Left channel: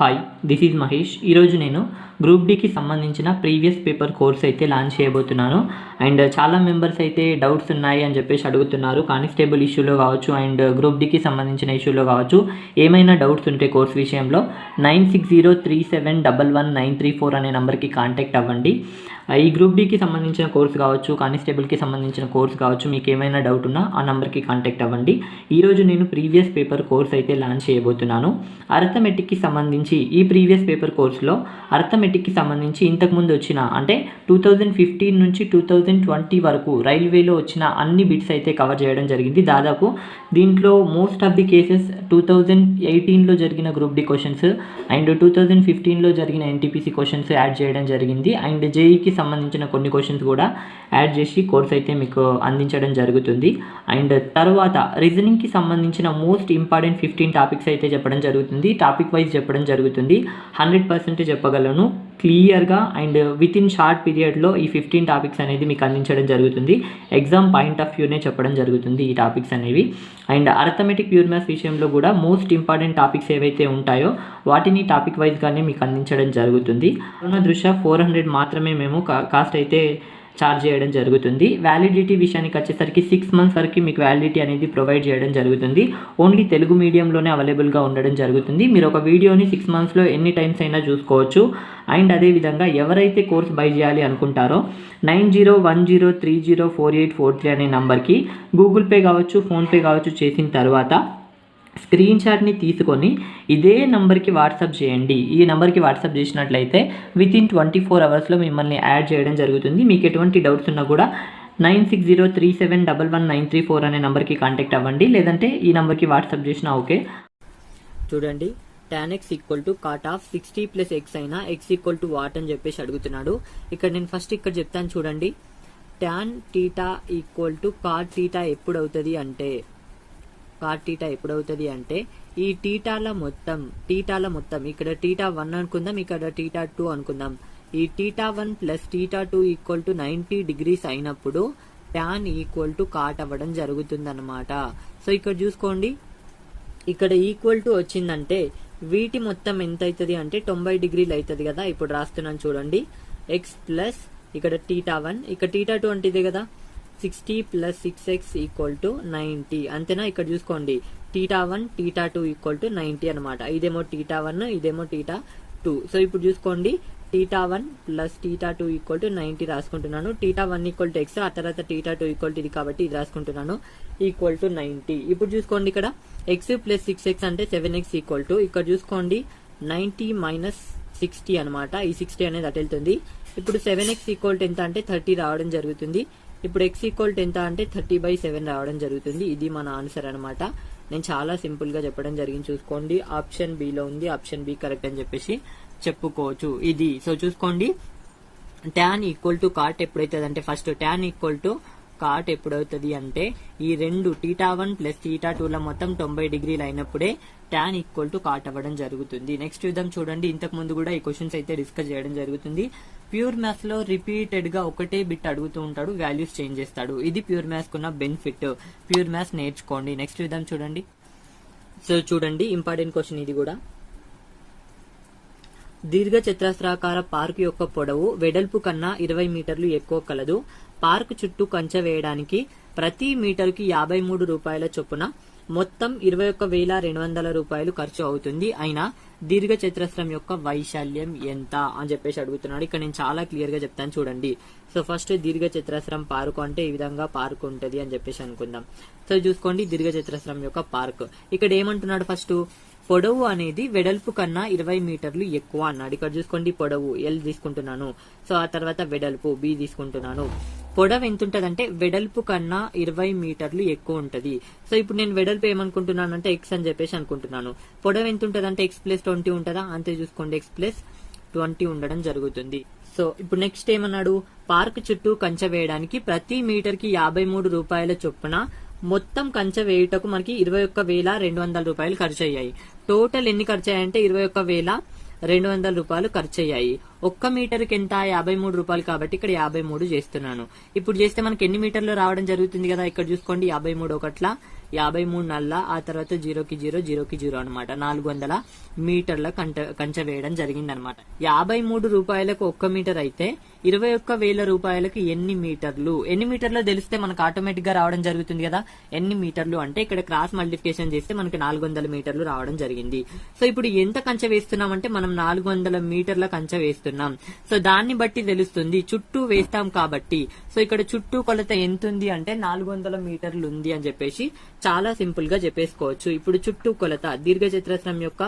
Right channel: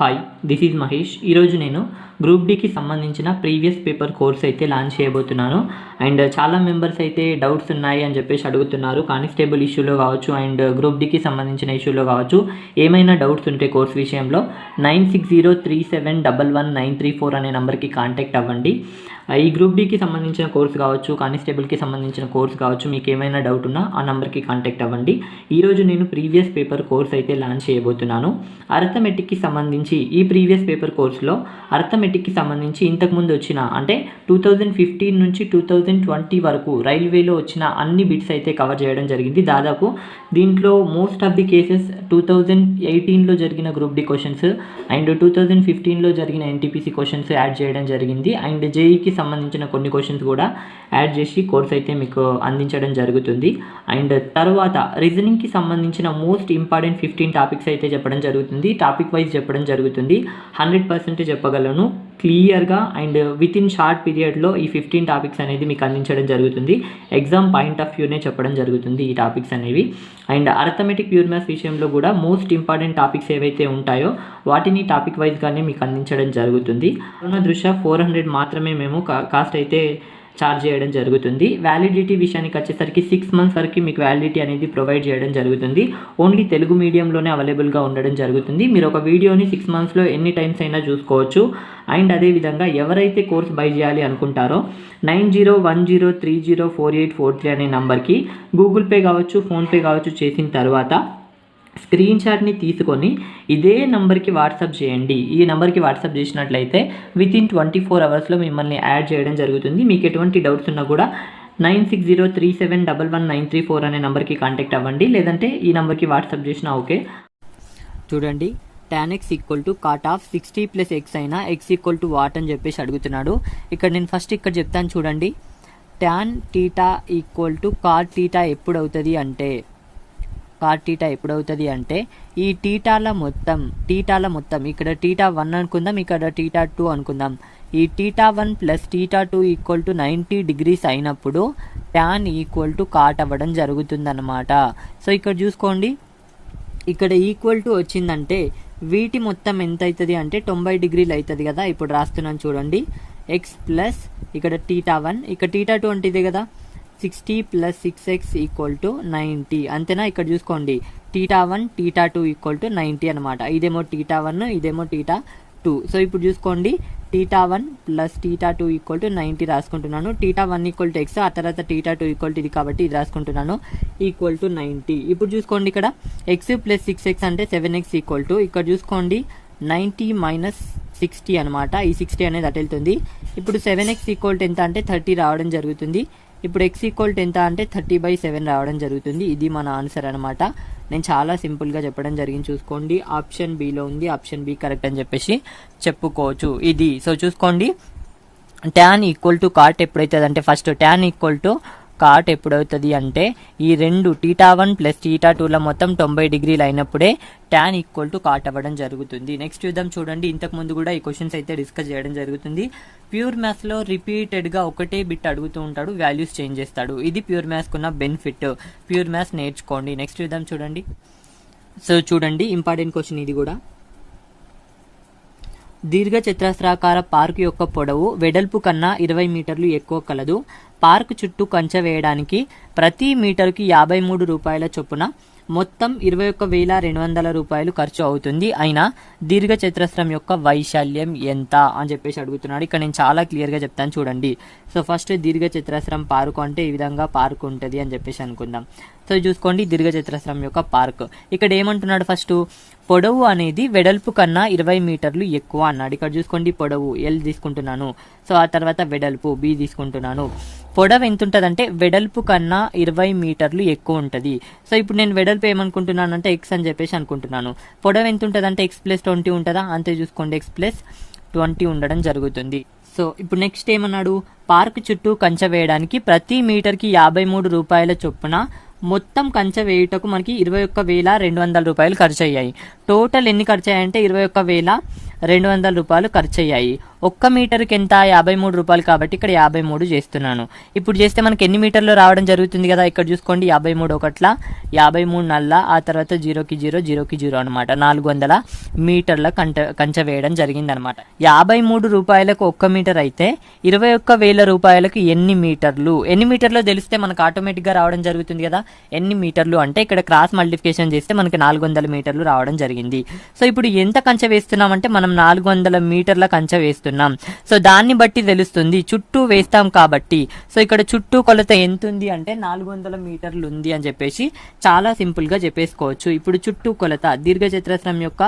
Hi, this is Mahesh. ఈరోజు నేను group డీకి సంబంధించిన ప్రీవియస్ పేపర్ కోర్స్ అయితే లాంచ్ చేయబోతున్నాను. అండ్ చాలా మెంబర్స్ అయితే డౌట్స్ ఉన్నాయి అని చెప్పేసి అడుగుతున్నారు. కానిస్టేబుల్ ఇష్యూలో కావచ్చు అండ్ గ్రూప్ డీకి సంబంధించిన ఇష్యూలో కావచ్చు. ఏమైనా డౌట్స్ ఉంటే కోర్స్ విషయంలో 9603711934 అనే నెంబర్కి కాంటాక్ట్ అవ్వండి. ఈ గ్రూప్ డీకి సంబంధించిన కోర్స్ కావచ్చు, కానిస్టేబుల్కి సంబంధించిన కోర్స్ కావచ్చు, మీకు ఏమైనా డౌట్ ఉన్నా ఆ నెంబర్కి కాంటాక్ట్ అవ్వండి. ఈరోజు నేను ప్రీవియస్ పేపర్ కోర్స్ అయితే లాంచ్ చేయబోతున్నాను. అర్థమెటిక్కి సంబంధించి ఈ ప్రీవియస్ పేపర్ కోర్స్లో అర్థమెటిక్కి సంబంధించి ఇంతకుముందు వచ్చిన అంటే 2015 నుంచి 2020 వరకు రైల్వేలో వచ్చిన అన్ని బిట్స్ అయితే కవర్ చేయడం జరిగింది. దాదాపు దీంట్లో మోస్ట్ ఆఫ్ ది కేసెస్ 2018లో జరిగిన గ్రూప్ డి క్వశ్చన్స్ అండ్ 2015లో జరిగిన ఎన్టీపీసీ క్వశ్చన్స్ యాడ్ చేయడం జరిగింది. అండ్ జేఈకి సంబంధించిన కొన్ని క్వశ్చన్స్ కూడా యాడ్ చేసి కోర్స్ అయితే మీకు అందించడం జరుగుతుంది. అండ్ తర్వాత రీజనింగ్కి సంబంధించిన మోస్ట్ ఇంపార్టెంట్ 15 టాపిక్స్ అయితే చెప్పడం జరుగుతుంది. టాపిక్ వైజ్ చెప్పడం జరుగుతుంది. 100% చెప్పగలను క్లియర్గా అండ్ విత్ ఇన్ షార్ట్ పీరియడ్లో ఈ 15 టాపిక్స్ అనేది మీకు అందించడం జరుగుతుంది. ఎగ్జామ్ పాయింట్ ఆఫ్ వ్యూనే చెప్పడం జరుగుతుంది ఈ టాపిక్స్ అనేవి. అండ్ అర్థమెటిక్ ప్యూర్ మ్యాథ్స్ విషయంలో కూడా మోస్ట్ ఇంపార్టెంట్ టాపిక్స్ ఏవైతే ఉంటాయో వాటిని టాపిక్ వైజ్గానే మీకు అందించడం జరుగుతుంది. కరోనా దృష్ట్యా 400 మాత్రమే మేము కాస్ట్ అయితే ఛార్జ్ చేయడం జరుగుతుంది. వ్యాలిడిటీ విషయానికి వచ్చేసరికి 6 months వరకు మీకు వ్యాలిడిటీ అనేది ప్రొవైడ్ చేయడం జరుగుతుంది. ఓన్లీ తెలుగు మీడియంలోనే అవైలబుల్గా ఉండడం జరుగుతుంది. మీరు ఒక వీడియోని 6 monthsలో ఎన్ని టైమ్స్ అయినా చూసుకోవచ్చు. అండ్ అదేవిధంగా ఎవరైతే కోర్స్ బై చేయాలి అనుకుంటారో 9010304843 అనే నెంబర్కి గూగుల్ పే కావచ్చు, ఫోన్పే కావచ్చు చేసిన తర్వాత స్క్రీన్ షాట్ని తీసుకొని ఇదే నెంబర్కి వాట్సాప్ చేయండి. ఈ నెంబర్కి వాట్సాప్ చేసినట్లయితే విత్ ఇన్ 24 hours మిమ్మల్ని యాడ్ చేయడం జరుగుతుంది. మీకు ఎటువంటి డౌట్స్ ఉన్నా కూడా 9603711934 అనే నెంబర్కి కాంటాక్ట్ అవ్వండి. లేదంటే ఈ నెంబర్కి వాట్సాప్ చేసినా ఓకే. చూడండి, tan x cot of 60 + x అయినా x వాట్ అని చెప్పేసి అడుగుతున్నాడు. ఇక్కడ నేను ఫస్ట్ ఇక్కడ చెప్తాను చూడండి. tan θ cot θ ఎప్పుడు అవుతుంది అంటే ఈ టీటాల మొత్తం ఇక్కడ θ1 అనుకుందాం, ఇక్కడ θ2 అనుకుందాం. ఈ θ1 + θ2 = 90 degrees అయినప్పుడు tan cot అవ్వడం జరుగుతుందన్నమాట. సో ఇక్కడ చూసుకోండి, ఇక్కడ ఈక్వల్ టు వచ్చిందంటే వీటి మొత్తం ఎంత అవుతుంది అంటే 90 degrees అవుతుంది కదా. ఇప్పుడు రాస్తున్నాను చూడండి, x ప్లస్ ఇక్కడ θ1 ఇక్కడ θ2 అంటే ఇదే కదా, 60 + 6x = 90 అంతేనా. ఇక్కడ చూసుకోండి, θ1 θ2 = 90 అనమాట. ఇదేమో θ1 ఇదేమో θ2. సో ఇప్పుడు చూసుకోండి, θ1 + θ2 = 90 రాసుకుంటున్నాను. θ1 = x, ఆ తర్వాత θ2 = ఇది కాబట్టి ఇది రాసుకుంటున్నాను = 90. ఇప్పుడు చూసుకోండి, ఇక్కడ x + 6x అంటే 7x ఇక్కడ చూసుకోండి 90 - 60 అనమాట. ఈ 60 అనేది అటు వెళ్తుంది. ఇప్పుడు 7x = ఎంత అంటే 30 రావడం జరుగుతుంది. ఇప్పుడు x = ఎంత అంటే 30/7 రావడం జరుగుతుంది. ఇది మన ఆన్సర్ అనమాట. నేను చాలా సింపుల్గా చెప్పడం జరిగింది. చూసుకోండి, ఆప్షన్ బిలో ఉంది, ఆప్షన్ బి కరెక్ట్ అని చెప్పేసి చెప్పుకోవచ్చు ఇది. సో చూసుకోండి, tan cot ఎప్పుడైతుంది అంటే ఫస్ట్ tan cot ఎప్పుడవుతుంది అంటే ఈ రెండు θ1 + θ2ల మొత్తం 90 degrees అయినప్పుడే tan cot అవ్వడం జరుగుతుంది. నెక్స్ట్ చూద్దాం చూడండి, ఇంతకుముందు కూడా ఈ క్వశ్చన్స్ అయితే డిస్కస్ చేయడం జరుగుతుంది. ప్యూర్ మ్యాథ్స్లో రిపీటెడ్గా ఒకటే బిట్ అడుగుతూ ఉంటాడు, వాల్యూస్ చేంజ్ చేస్తాడు. ఇది ప్యూర్ మ్యాథ్స్కి ఉన్న బెనిఫిట్. ప్యూర్ మ్యాథ్స్ నేర్చుకోండి. నెక్స్ట్ చూద్దాం చూడండి. సో చూడండి, ఇంపార్టెంట్ క్వశ్చన్ ఇది కూడా. దీర్ఘ చతురస్రాకార పార్కు యొక్క పొడవు వెడల్పు కన్నా 20 మీటర్లు ఎక్కువ కలదు. పార్కు చుట్టూ కంచె వేయడానికి ప్రతి మీటరుకి 53 రూపాయల చొప్పున మొత్తం 21,200 రూపాయలు ఖర్చు అవుతుంది. అయినా దీర్ఘ చతురస్రం యొక్క వైశాల్యం ఎంత అని చెప్పేసి అడుగుతున్నాడు. ఇక్కడ నేను చాలా క్లియర్గా చెప్తాను చూడండి. సో ఫస్ట్ దీర్ఘ చతురస్రం పార్కు అంటే ఈ విధంగా పార్కు ఉంటుంది అని చెప్పేసి అనుకుందాం. సో చూసుకోండి, దీర్ఘ చతురస్రం యొక్క పార్క్. ఇక్కడ ఏమంటున్నాడు, ఫస్ట్ పొడవు అనేది వెడల్పు కన్నా 20 మీటర్లు ఎక్కువ అన్నాడు. ఇక్కడ చూసుకోండి, పొడవు L తీసుకుంటున్నాను. సో ఆ తర్వాత వెడల్పు B తీసుకుంటున్నాను. పొడవు ఎంత ఉంటుంది అంటే వెడల్పు కన్నా 20 మీటర్లు ఎక్కువ ఉంటుంది. సో ఇప్పుడు నేను వెడల్పు ఏమనుకుంటున్నాను అంటే x అని చెప్పేసి అనుకుంటున్నాను. పొడవు ఎంత ఉంటుంది అంటే x + 20 ఉంటుందా, అంతే చూసుకోండి, x + 20 ఉండడం జరుగుతుంది. సో ఇప్పుడు నెక్స్ట్ ఏమన్నాడు, పార్క్ చుట్టూ కంచె వేయడానికి ప్రతి మీటర్కి 53 రూపాయల చొప్పున మొత్తం కంచె వేయుటకు మనకి 21,200 రూపాయలు ఖర్చు అయ్యాయి. టోటల్ ఎన్ని ఖర్చు అయ్యాయంటే 21,200 రూపాయలు ఖర్చు అయ్యాయి. ఒక్క మీటర్కి ఎంత 53 రూపాయలు కాబట్టి ఇక్కడ 53 చేస్తున్నాను. ఇప్పుడు చేస్తే మనకి ఎన్ని మీటర్లు రావడం జరుగుతుంది కదా, ఇక్కడ చూసుకోండి 53 ఒకట్ల 53 నల్ల, ఆ తర్వాత 0కి 0 0కి 0 అనమాట. 400 మీటర్ల కంచె వేయడం జరిగింది అనమాట. 53 రూపాయలకు 1 మీటర్ అయితే 21,000 రూపాయలకు ఎన్ని మీటర్లు తెలిస్తే మనకు ఆటోమేటిక్ గా రావడం జరుగుతుంది కదా. ఎన్ని మీటర్లు అంటే ఇక్కడ క్రాస్ మల్టిప్లికేషన్ చేస్తే మనకి 400 మీటర్లు రావడం జరిగింది. సో ఇప్పుడు ఎంత కంచె వేస్తున్నాం అంటే మనం 400 మీటర్ల కంచె వేస్తున్నాం. సో దాన్ని బట్టి తెలుస్తుంది, చుట్టూ వేస్తాం కాబట్టి. సో ఇక్కడ చుట్టూ కొలత ఎంత ఉంది అంటే 400 మీటర్లు ఉంది అని చెప్పేసి చాలా సింపుల్ గా చెప్పేసుకోవచ్చు. ఇప్పుడు చుట్టూ కొలత, దీర్ఘచతురస్రం యొక్క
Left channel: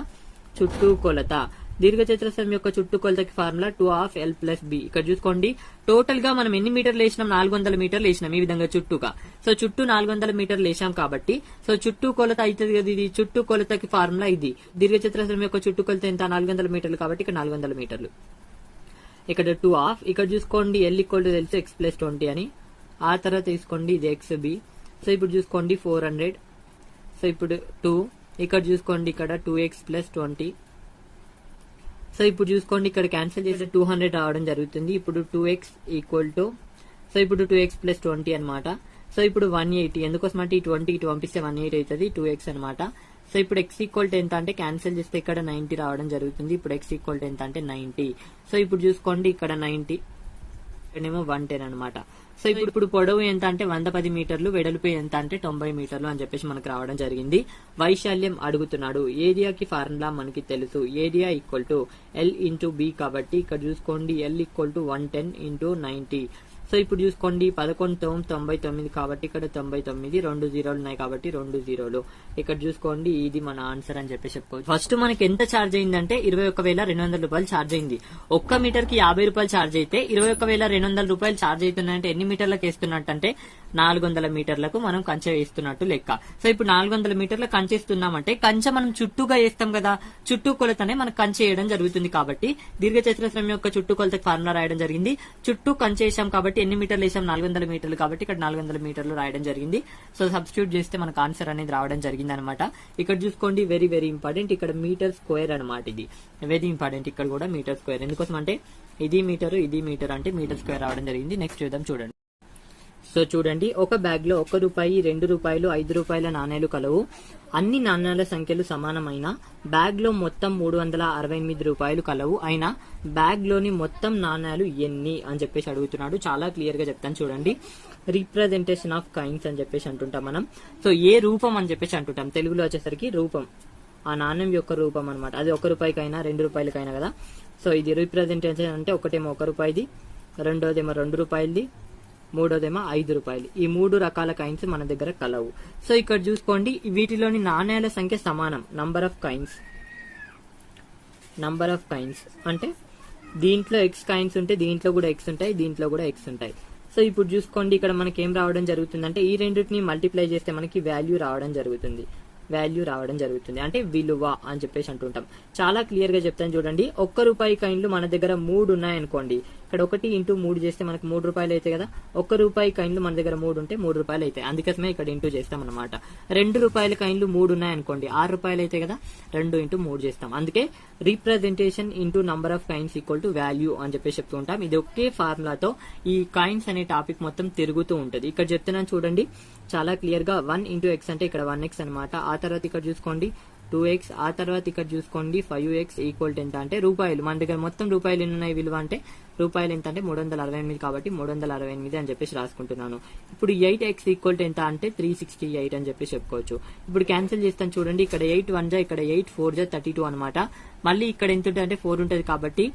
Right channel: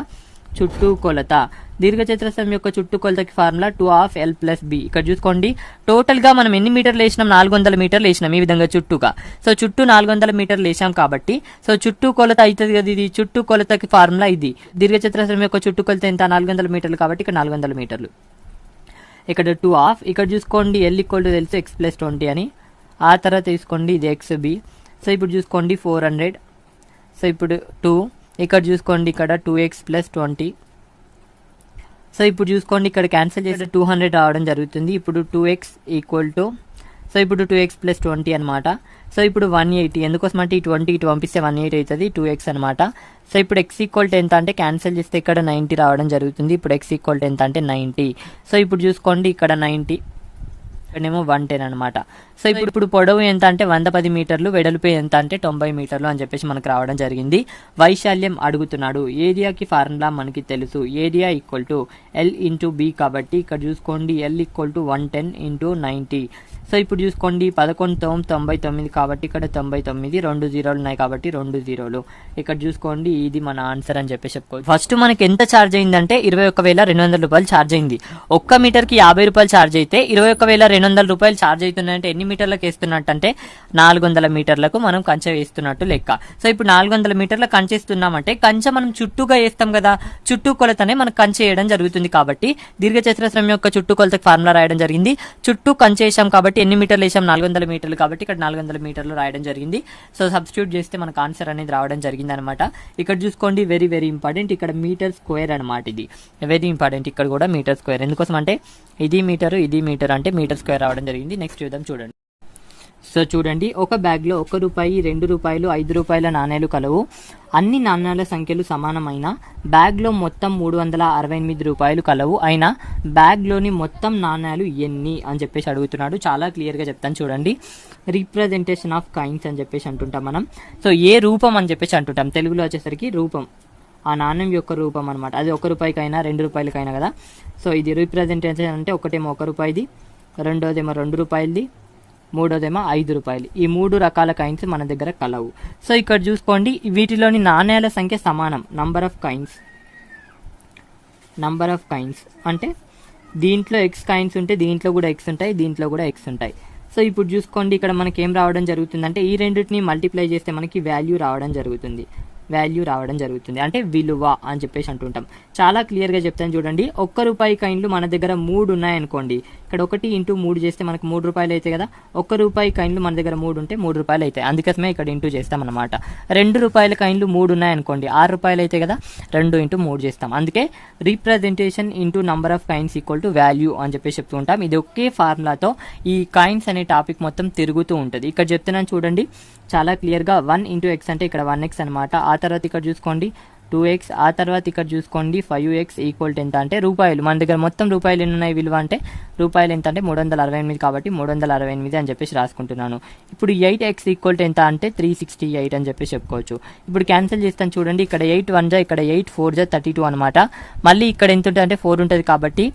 చుట్టూ కొలత, దీర్ఘచతురస్రం యొక్క చుట్టూ కొలతకి ఫార్ములా 2/L+B. ఇక్కడ చూసుకోండి టోటల్ గా మనం ఎన్ని మీటర్లు వేసినాం, 400 మీటర్లు వేసినాం ఈ విధంగా చుట్టూగా. సో చుట్టూ 400 మీటర్లు వేసాం కాబట్టి సో చుట్టూ కొలత అవుతుంది కదా. ఇది చుట్టూ కొలతకి ఫార్ములా ఇది. దీర్ఘచతురస్రం యొక్క చుట్టూ కొలత ఎంత, 400 మీటర్లు కాబట్టి ఇక్కడ 400 మీటర్లు. ఇక్కడ 2/2. ఇక్కడ చూసుకోండి L = తెలుసు x+20 అని. ఆ తర్వాత తీసుకోండి ఇది XB. సో ఇప్పుడు చూసుకోండి 400. సో ఇప్పుడు 2. ఇక్కడ చూసుకోండి ఇక్కడ 2x+20. సో ఇప్పుడు చూసుకోండి ఇక్కడ క్యాన్సిల్ చేస్తే 200 రావడం జరుగుతుంది. ఇప్పుడు 2x = సో ఇప్పుడు 2x+20 అనమాట. సో ఇప్పుడు 180. ఎందుకోసం అంటే ఈ 20 ఇటు పంపిస్తే 180 అవుతుంది, 2x అనమాట. సో ఇప్పుడు x = ఎంత అంటే క్యాన్సిల్ చేస్తే ఇక్కడ 90 రావడం జరుగుతుంది. ఇప్పుడు x = ఎంత అంటే 90. సో ఇప్పుడు చూసుకోండి ఇక్కడ 90, ఇక్కడేమో 110 అనమాట. సో ఇప్పుడు పొడవు ఎంత అంటే 110 మీటర్లు, వెడల్పు ఎంత అంటే 90 మీటర్లు అని చెప్పేసి మనకు రావడం జరిగింది. వైశాల్యం అడుగుతున్నాడు. ఏరియాకి ఫార్ములా మనకి తెలుసు, ఏరియా = L/B కాబట్టి ఇక్కడ చూసుకోండి L = 110 × 90. సో ఇప్పుడు చూసుకోండి 11/99 కాబట్టి ఇక్కడ 99, 2 జీరోలు ఉన్నాయి కాబట్టి 2 జీరోలు. ఇక్కడ చూసుకోండి ఇది మన ఆన్సర్ అని చెప్పేసి చెప్పుకోవచ్చు. ఫస్ట్ మనకి ఎంత ఛార్జ్ అయిందంటే 21,200 రూపాయలు ఛార్జ్ అయింది. 1 మీటర్కి 50 రూపాయలు ఛార్జ్ అయితే 21,200 రూపాయలు ఛార్జ్ అవుతున్నాయంటే ఎన్ని మీటర్లకు వేస్తున్నట్టు అంటే 400 మీటర్లకు మనం కంచె వేస్తున్నట్టు లెక్క. సో ఇప్పుడు 400 మీటర్ల కంచె ఇస్తున్నామంటే కంచె మనం చుట్టూగా వేస్తాం కదా, చుట్టూ కొలతనే మనకు కంచె వేయడం జరుగుతుంది. కాబట్టి దీర్ఘచతురస్రం యొక్క చుట్టూ కొలతకు ఫార్ములా రాయడం జరిగింది. చుట్టూ కంచె వేసాం కాబట్టి ఎన్ని మీటర్లు వేసాం, 400 మీటర్లు కాబట్టి ఇక్కడ 400 మీటర్లు రాయడం జరిగింది. సో సబ్స్టిట్యూట్ చేస్తే మనకు ఆన్సర్ అనేది రావడం జరిగింది అనమాట. ఇక్కడ చూసుకోండి వెరీ వెరీ ఇంపార్టెంట్, ఇక్కడ మీటర్ స్క్వేర్ అనమాట. ఇది వెరీ ఇంపార్టెంట్, ఇక్కడ కూడా మీటర్ స్క్వేర్. ఎందుకోసం అంటే ఇది మీటర్ అంటే మీటర్ స్క్వేర్ రావడం జరిగింది. నెక్స్ట్ చూద్దాం చూడండి. సో చూడండి ఒక బ్యాగ్ లో 1 రూపాయి, 2 రూపాయలు, 5 రూపాయల నాణేలు కలవు. అన్ని నాణ్యాల సంఖ్యలు సమానమైన బ్యాగ్ లో మొత్తం 368 రూపాయలు కలవు. అయినా బ్యాగ్ లోని మొత్తం నాణ్యాలు ఎన్ని అని చెప్పేసి అడుగుతున్నాడు. చాలా క్లియర్ గా చెప్తాను చూడండి. రిప్రజెంటేషన్ ఆఫ్ కైన్స్ అని చెప్పేసి అంటుంటాం మనం. సో ఏ రూపం అని చెప్పేసి అంటుంటాం, తెలుగులో వచ్చేసరికి రూపం, ఆ నాణ్యం యొక్క రూపం అనమాట. అది 1 రూపాయికైనా 2 రూపాయలకైనా కదా. సో ఇది రిప్రజెంటేషన్ అంటే ఒకటేమో 1 రూపాయిది, రెండోదేమో 2 రూపాయలది, మూడోదేమో 5 రూపాయలు. ఈ 3 రకాల కాయిన్స్ మన దగ్గర కలవు. సో ఇక్కడ చూసుకోండి వీటిలోని నాణ్యాల సంఖ్య సమానం. నంబర్ ఆఫ్ కాయిన్స్ అంటే దీంట్లో ఎక్స్ కాయిన్స్ ఉంటే దీంట్లో కూడా ఎక్స్ ఉంటాయి, దీంట్లో కూడా ఎక్స్ ఉంటాయి. సో ఇప్పుడు చూసుకోండి ఇక్కడ మనకి ఏం రావడం జరుగుతుందంటే ఈ రెండింటిని మల్టిప్లై చేస్తే మనకి వాల్యూ రావడం జరుగుతుంది అంటే విలువ అని చెప్పేసి అంటుంటాం. చాలా క్లియర్ గా చెప్తాను చూడండి. 1 రూపాయి కాయిన్లు మన దగ్గర 3 ఉన్నాయనుకోండి, ఇక్కడ 1 × 3 చేస్తే మనకు 3 రూపాయలు అయితే కదా. 1 రూపాయి కాయిన్లు మన దగ్గర 3 ఉంటే 3 రూపాయలు అవుతాయి, అందుకోసమే ఇక్కడ ఇంటూ చేస్తాం అనమాట. 2 రూపాయల కాయిన్లు 3 ఉన్నాయనుకోండి, 6 రూపాయలు అయితే కదా, 2 × 3 చేస్తాం. అందుకే representation into number of coins = value అని చెప్పేసి చెప్తూ ఉంటాం. ఇది ఒకే ఫార్ములాతో ఈ కాయిన్స్ అనే టాపిక్ మొత్తం తిరుగుతూ ఉంటుంది. ఇక్కడ చెప్తున్నాను చూడండి చాలా క్లియర్ గా 1 × x అంటే ఇక్కడ 1x అనమాట. ఆ తర్వాత ఇక్కడ చూసుకోండి 2x, ఆ తర్వాత ఇక్కడ చూసుకోండి 5x = ఎంత అంటే రూపాయలు. మన దగ్గర మొత్తం రూపాయలు ఎన్ని ఉన్నాయి విలువ అంటే రూపాయలు ఎంత అంటే 368 కాబట్టి 368 అని చెప్పేసి రాసుకుంటున్నాను. ఇప్పుడు 8x = ఎంత అంటే 368 అని చెప్పేసి చెప్పుకోవచ్చు. ఇప్పుడు క్యాన్సిల్ చేస్తాను చూడండి. ఇక్కడ 8 1 జా, ఇక్కడ 8 4 జా 32 అనమాట. మళ్ళీ ఇక్కడ ఎంత ఉంటుంది అంటే 4 ఉంటుంది కాబట్టి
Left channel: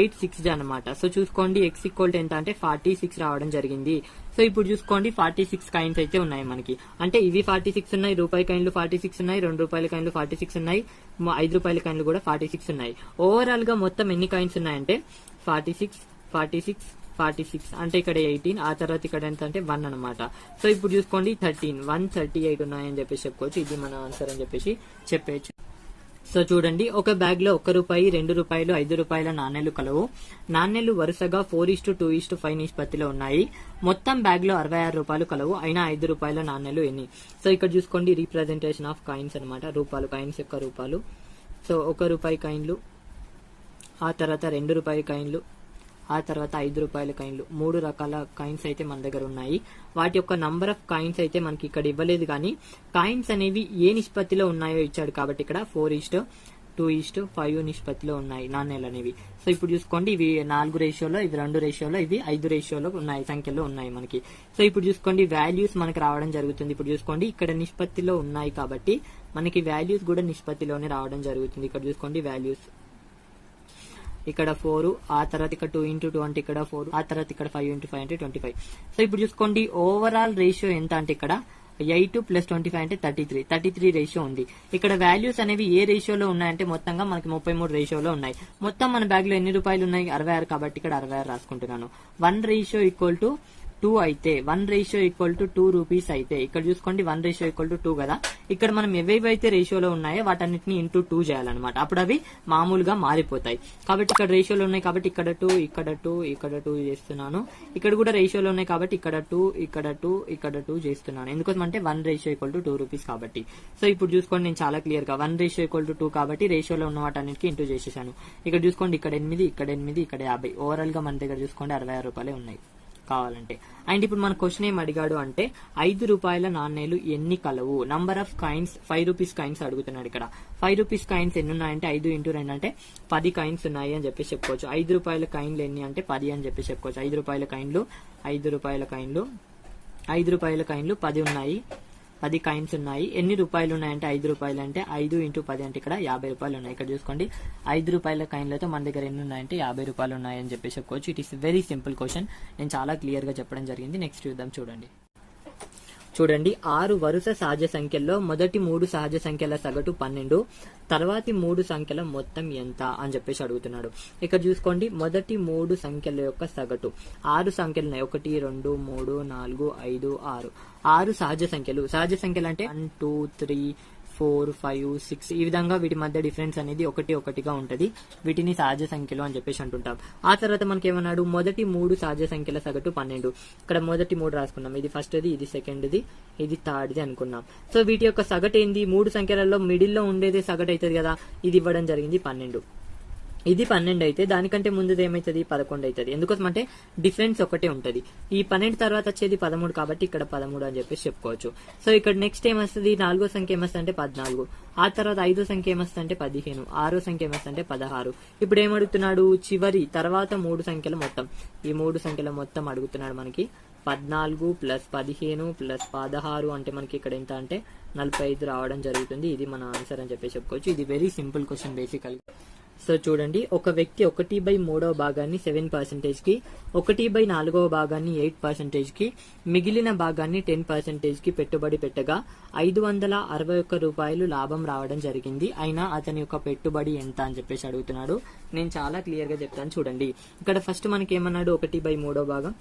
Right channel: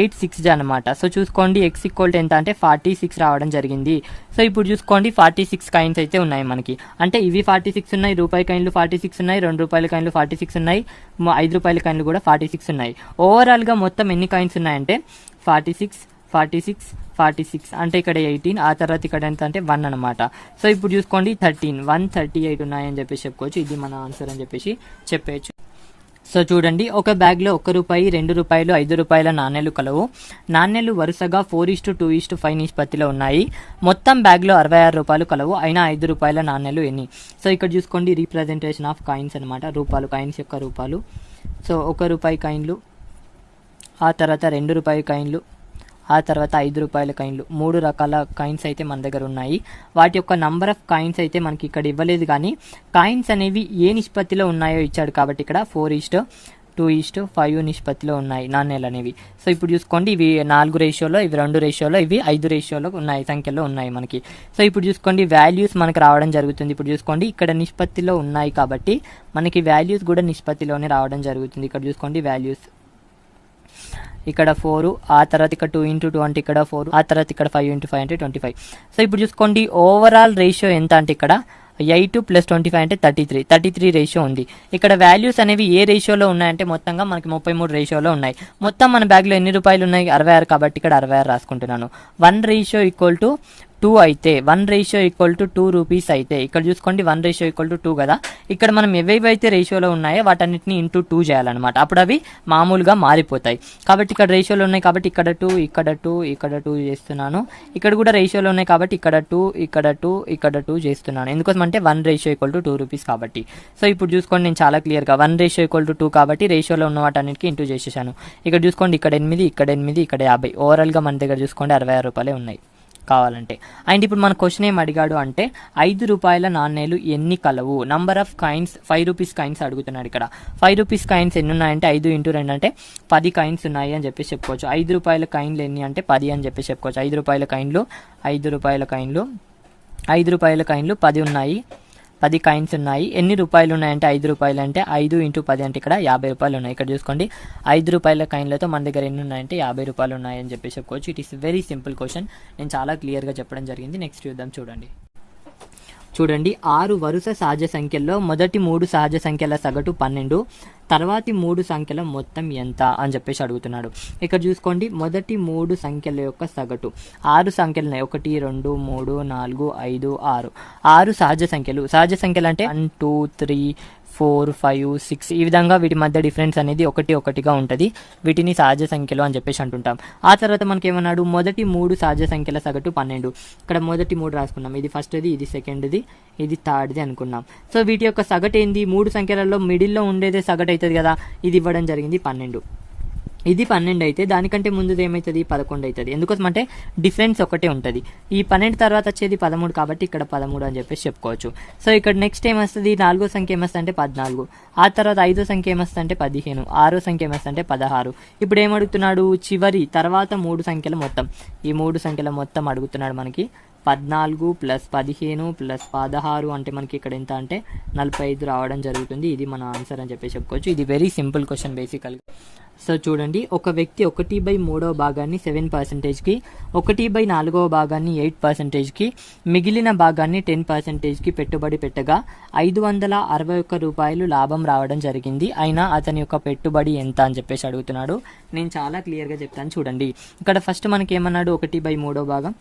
8 6 జా అనమాట. సో చూసుకోండి x = ఎంత అంటే 46 రావడం జరిగింది. సో ఇప్పుడు చూసుకోండి 46 కాయిన్స్ అయితే ఉన్నాయి మనకి. అంటే ఇవి 46 ఉన్నాయి, రూపాయి కాయిన్లు 46 ఉన్నాయి, 2 రూపాయల కాయిన్లు 46 ఉన్నాయి, 5 రూపాయల కాయిన్లు కూడా 46 ఉన్నాయి. ఓవరాల్ గా మొత్తం ఎన్ని కాయిన్స్ ఉన్నాయంటే 46 అంటే ఇక్కడ 18, ఆ తర్వాత ఇక్కడ ఎంత అంటే 1 అనమాట. సో ఇప్పుడు చూసుకోండి 138 ఉన్నాయని చెప్పేసి చెప్పుకోవచ్చు. ఇది మన ఆన్సర్ అని చెప్పేసి చెప్పేయచ్చు. సో చూడండి ఒక బ్యాగ్ లో 1 రూపాయి, 2 రూపాయలు, 5 రూపాయల నాణేలు కలవు. నాణేలు వరుసగా 4:2:5 నిష్పత్తిలో ఉన్నాయి. మొత్తం బ్యాగ్ లో 66 రూపాయలు కలవు. అయినా 5 రూపాయల నాణేలు ఎన్ని? సో ఇక్కడ చూసుకోండి రీప్రజెంటేషన్ ఆఫ్ కాయిన్స్ అనమాట, రూపాయలు, కాయిన్స్ యొక్క రూపాలు. సో 1 రూపాయి కాయిన్లు, ఆ తర్వాత 2 రూపాయల కాయిన్లు, ఆ తర్వాత 5 రూపాయల కాయిన్లు, 3 రకాల కాయిన్స్ అయితే మన దగ్గర ఉన్నాయి. వాటి యొక్క నంబర్ ఆఫ్ కాయిన్స్ అయితే మనకి ఇక్కడ ఇవ్వలేదు, కానీ కాయిన్స్ అనేవి ఏ నిష్పత్తిలో ఉన్నాయో ఇచ్చాడు కాబట్టి ఇక్కడ 4:2:5 నిష్పత్తిలో ఉన్నాయి నాణేలు అనేవి. సో ఇప్పుడు చూసుకోండి, ఇవి 4 రేషియోలో, ఇవి 2 రేషియోలో, ఇవి 5 రేషియోలో ఉన్నాయి, సంఖ్యలో ఉన్నాయి మనకి. సో ఇప్పుడు చూసుకోండి వాల్యూస్ మనకు రావడం జరుగుతుంది. ఇప్పుడు చూసుకోండి ఇక్కడ నిష్పత్తిలో ఉన్నాయి కాబట్టి మనకి వాల్యూస్ కూడా నిష్పత్తిలోనే రావడం జరుగుతుంది. ఇక్కడ చూసుకోండి వాల్యూస్ ఇక్కడ 4, ఆ తర్వాత ఇక్కడ 2:2 అంటే ఇక్కడ 4, ఆ తర్వాత ఇక్కడ 5:5 అంటే 25. సో ఇప్పుడు చూసుకోండి ఓవరాల్ రేషియో ఎంత అంటే ఇక్కడ 8 + 25 అంటే 33 రేషియో ఉంది. ఇక్కడ వాల్యూస్ అనేవి ఏ రేషియోలో ఉన్నాయంటే మొత్తంగా మనకి 33 రేషియోలో ఉన్నాయి. మొత్తం మన బ్యాగ్లో ఎన్ని రూపాయలు ఉన్నాయి? 66 కాబట్టి ఇక్కడ 66 రాసుకుంటున్నాను. 1:2 అయితే 1:2 రూపీస్ అయితే ఇక్కడ చూసుకోండి 1:2 కదా. ఇక్కడ మనం ఏవైతే రేషియోలో ఉన్నాయో వాటన్నిటిని ఇంటూ 2 చేయాలన్నమాట. అప్పుడు అవి మామూలుగా మారిపోతాయి. కాబట్టి ఇక్కడ రేషియోలో ఉన్నాయి కాబట్టి ఇక్కడ 2, ఇక్కడ 2, ఇక్కడ 2 చేస్తున్నాను. ఇక్కడ కూడా రేషియోలో ఉన్నాయి కాబట్టి ఇక్కడ 2, ఇక్కడ 2, ఇక్కడ 2 చేస్తున్నాను. ఎందుకోసం అంటే 1:2 రూపీస్ కాబట్టి. సో ఇప్పుడు చూసుకోండి నేను చాలా క్లియర్గా 1:2 కాబట్టి రేషియోలో ఉన్న వాటన్నిటికీ ఇంటూ చేసేసాను. ఇక్కడ చూసుకోండి ఇక్కడ 8, ఇక్కడ 8, ఇక్కడ 50. ఓవరాల్గా మన దగ్గర చూసుకోండి 66 రూపాయలే ఉన్నాయి కావాలంటే. అండ్ ఇప్పుడు మన క్వశ్చన్ ఏం అడిగాడు అంటే 5 రూపాయల నాణేలు ఎన్ని కలవు? Number of coins 5 rupees coins అడుగుతున్నాడు. ఇక్కడ 5 రూపీస్ కాయిన్స్ ఎన్ని ఉన్నాయంటే 5 × 2 అంటే 10 కాయిన్స్ ఉన్నాయి అని చెప్పేసి చెప్పుకోవచ్చు. 5 రూపాయల కాయిన్లు ఎన్ని అంటే 10 అని చెప్పేసి చెప్పుకోవచ్చు. 5 రూపాయల కాయిన్లు 10 ఉన్నాయి. 10 కాయిన్స్ ఉన్నాయి. ఎన్ని రూపాయలు ఉన్నాయంటే 5 రూపాయలు అంటే 5 × 10 అంటే ఇక్కడ 50 రూపాయలు ఉన్నాయి. ఇక్కడ చూసుకోండి 5 రూపాయల కాయిన్లతో మన దగ్గర ఎన్ని ఉన్నాయంటే 50 రూపాయలు ఉన్నాయని చెప్పేసి చెప్పుకోవచ్చు. It is very simple question. నేను చాలా క్లియర్గా చెప్పడం జరిగింది. నెక్స్ట్ చూద్దాం. చూడండి 6 వరుస సహజ సంఖ్యల్లో మొదటి 3 సహజ సంఖ్యల సగటు 12, తర్వాతి 3 సంఖ్యల మొత్తం ఎంత అని చెప్పేసి అడుగుతున్నాడు. ఇక్కడ చూసుకోండి మొదటి 3 సంఖ్యల యొక్క సగటు 6 సంఖ్యలు ఉన్నాయి. 1, 2, 3, 4, 5, 6. 6 సహజ సంఖ్యలు అంటే 1, 2, 3, 4, 5, 6 ఈ విధంగా వీటి మధ్య డిఫరెన్స్ అనేది 1గా ఉంటుంది. వీటిని సహజ సంఖ్యలు అని చెప్పేసి అంటుంటాం. ఆ తర్వాత మనకి ఏమన్నాడు మొదటి 3 సహజ సంఖ్యల సగటు 12. ఇక్కడ మొదటి 3 రాసుకున్నాం. ఇది ఫస్ట్ది, ఇది సెకండ్ది, ఇది థర్డ్ది అనుకున్నాం. సో వీటి యొక్క సగటు ఏంది? 3 సంఖ్యలలో మిడిల్లో ఉండేదే సగటు అవుతుంది కదా. ఇది ఇవ్వడం జరిగింది 12. ఇది 12 అయితే దానికంటే ముందుది ఏమవుతుంది? 11 అవుతుంది. ఎందుకోసం అంటే డిఫరెన్స్ ఒకటే ఉంటుంది. ఈ 12 తర్వాత వచ్చేది 13 కాబట్టి ఇక్కడ 13 అని చెప్పేసి చెప్పుకోవచ్చు. సో ఇక్కడ నెక్స్ట్ ఏమొస్తుంది? 4వ సంఖ్య ఏమొస్తుంది అంటే 14. ఆ తర్వాత 5వ సంఖ్య ఏమొస్తుంది అంటే 15. 6వ సంఖ్య ఏమొస్తుంది అంటే 16. ఇప్పుడు ఏమడుగుతున్నాడు? చివరి తర్వాత 3 సంఖ్యల మొత్తం. ఈ 3 సంఖ్యల మొత్తం అడుగుతున్నాడు మనకి. 14 + 15 + 16 అంటే మనకి ఇక్కడ ఎంత అంటే 45 రావడం జరుగుతుంది. ఇది మన ఆన్సర్ అని చెప్పేసి చెప్పుకోవచ్చు. ఇది వెరీ సింపుల్ క్వశ్చన్ బేసికల్గా. సో చూడండి ఒక వ్యక్తి 1/3వ భాగాన్ని 7%కి, 1/4వ భాగాన్ని 8%కి, మిగిలిన భాగాన్ని 10%కి పెట్టుబడి పెట్టగా 561 రూపాయలు లాభం రావడం జరిగింది. అయినా అతని యొక్క పెట్టుబడి ఎంత అని చెప్పేసి అడుగుతున్నాడు. నేను చాలా క్లియర్గా చెప్తాను చూడండి. ఇక్కడ ఫస్ట్ మనకి ఏమన్నాడు? 1/3వ భాగం,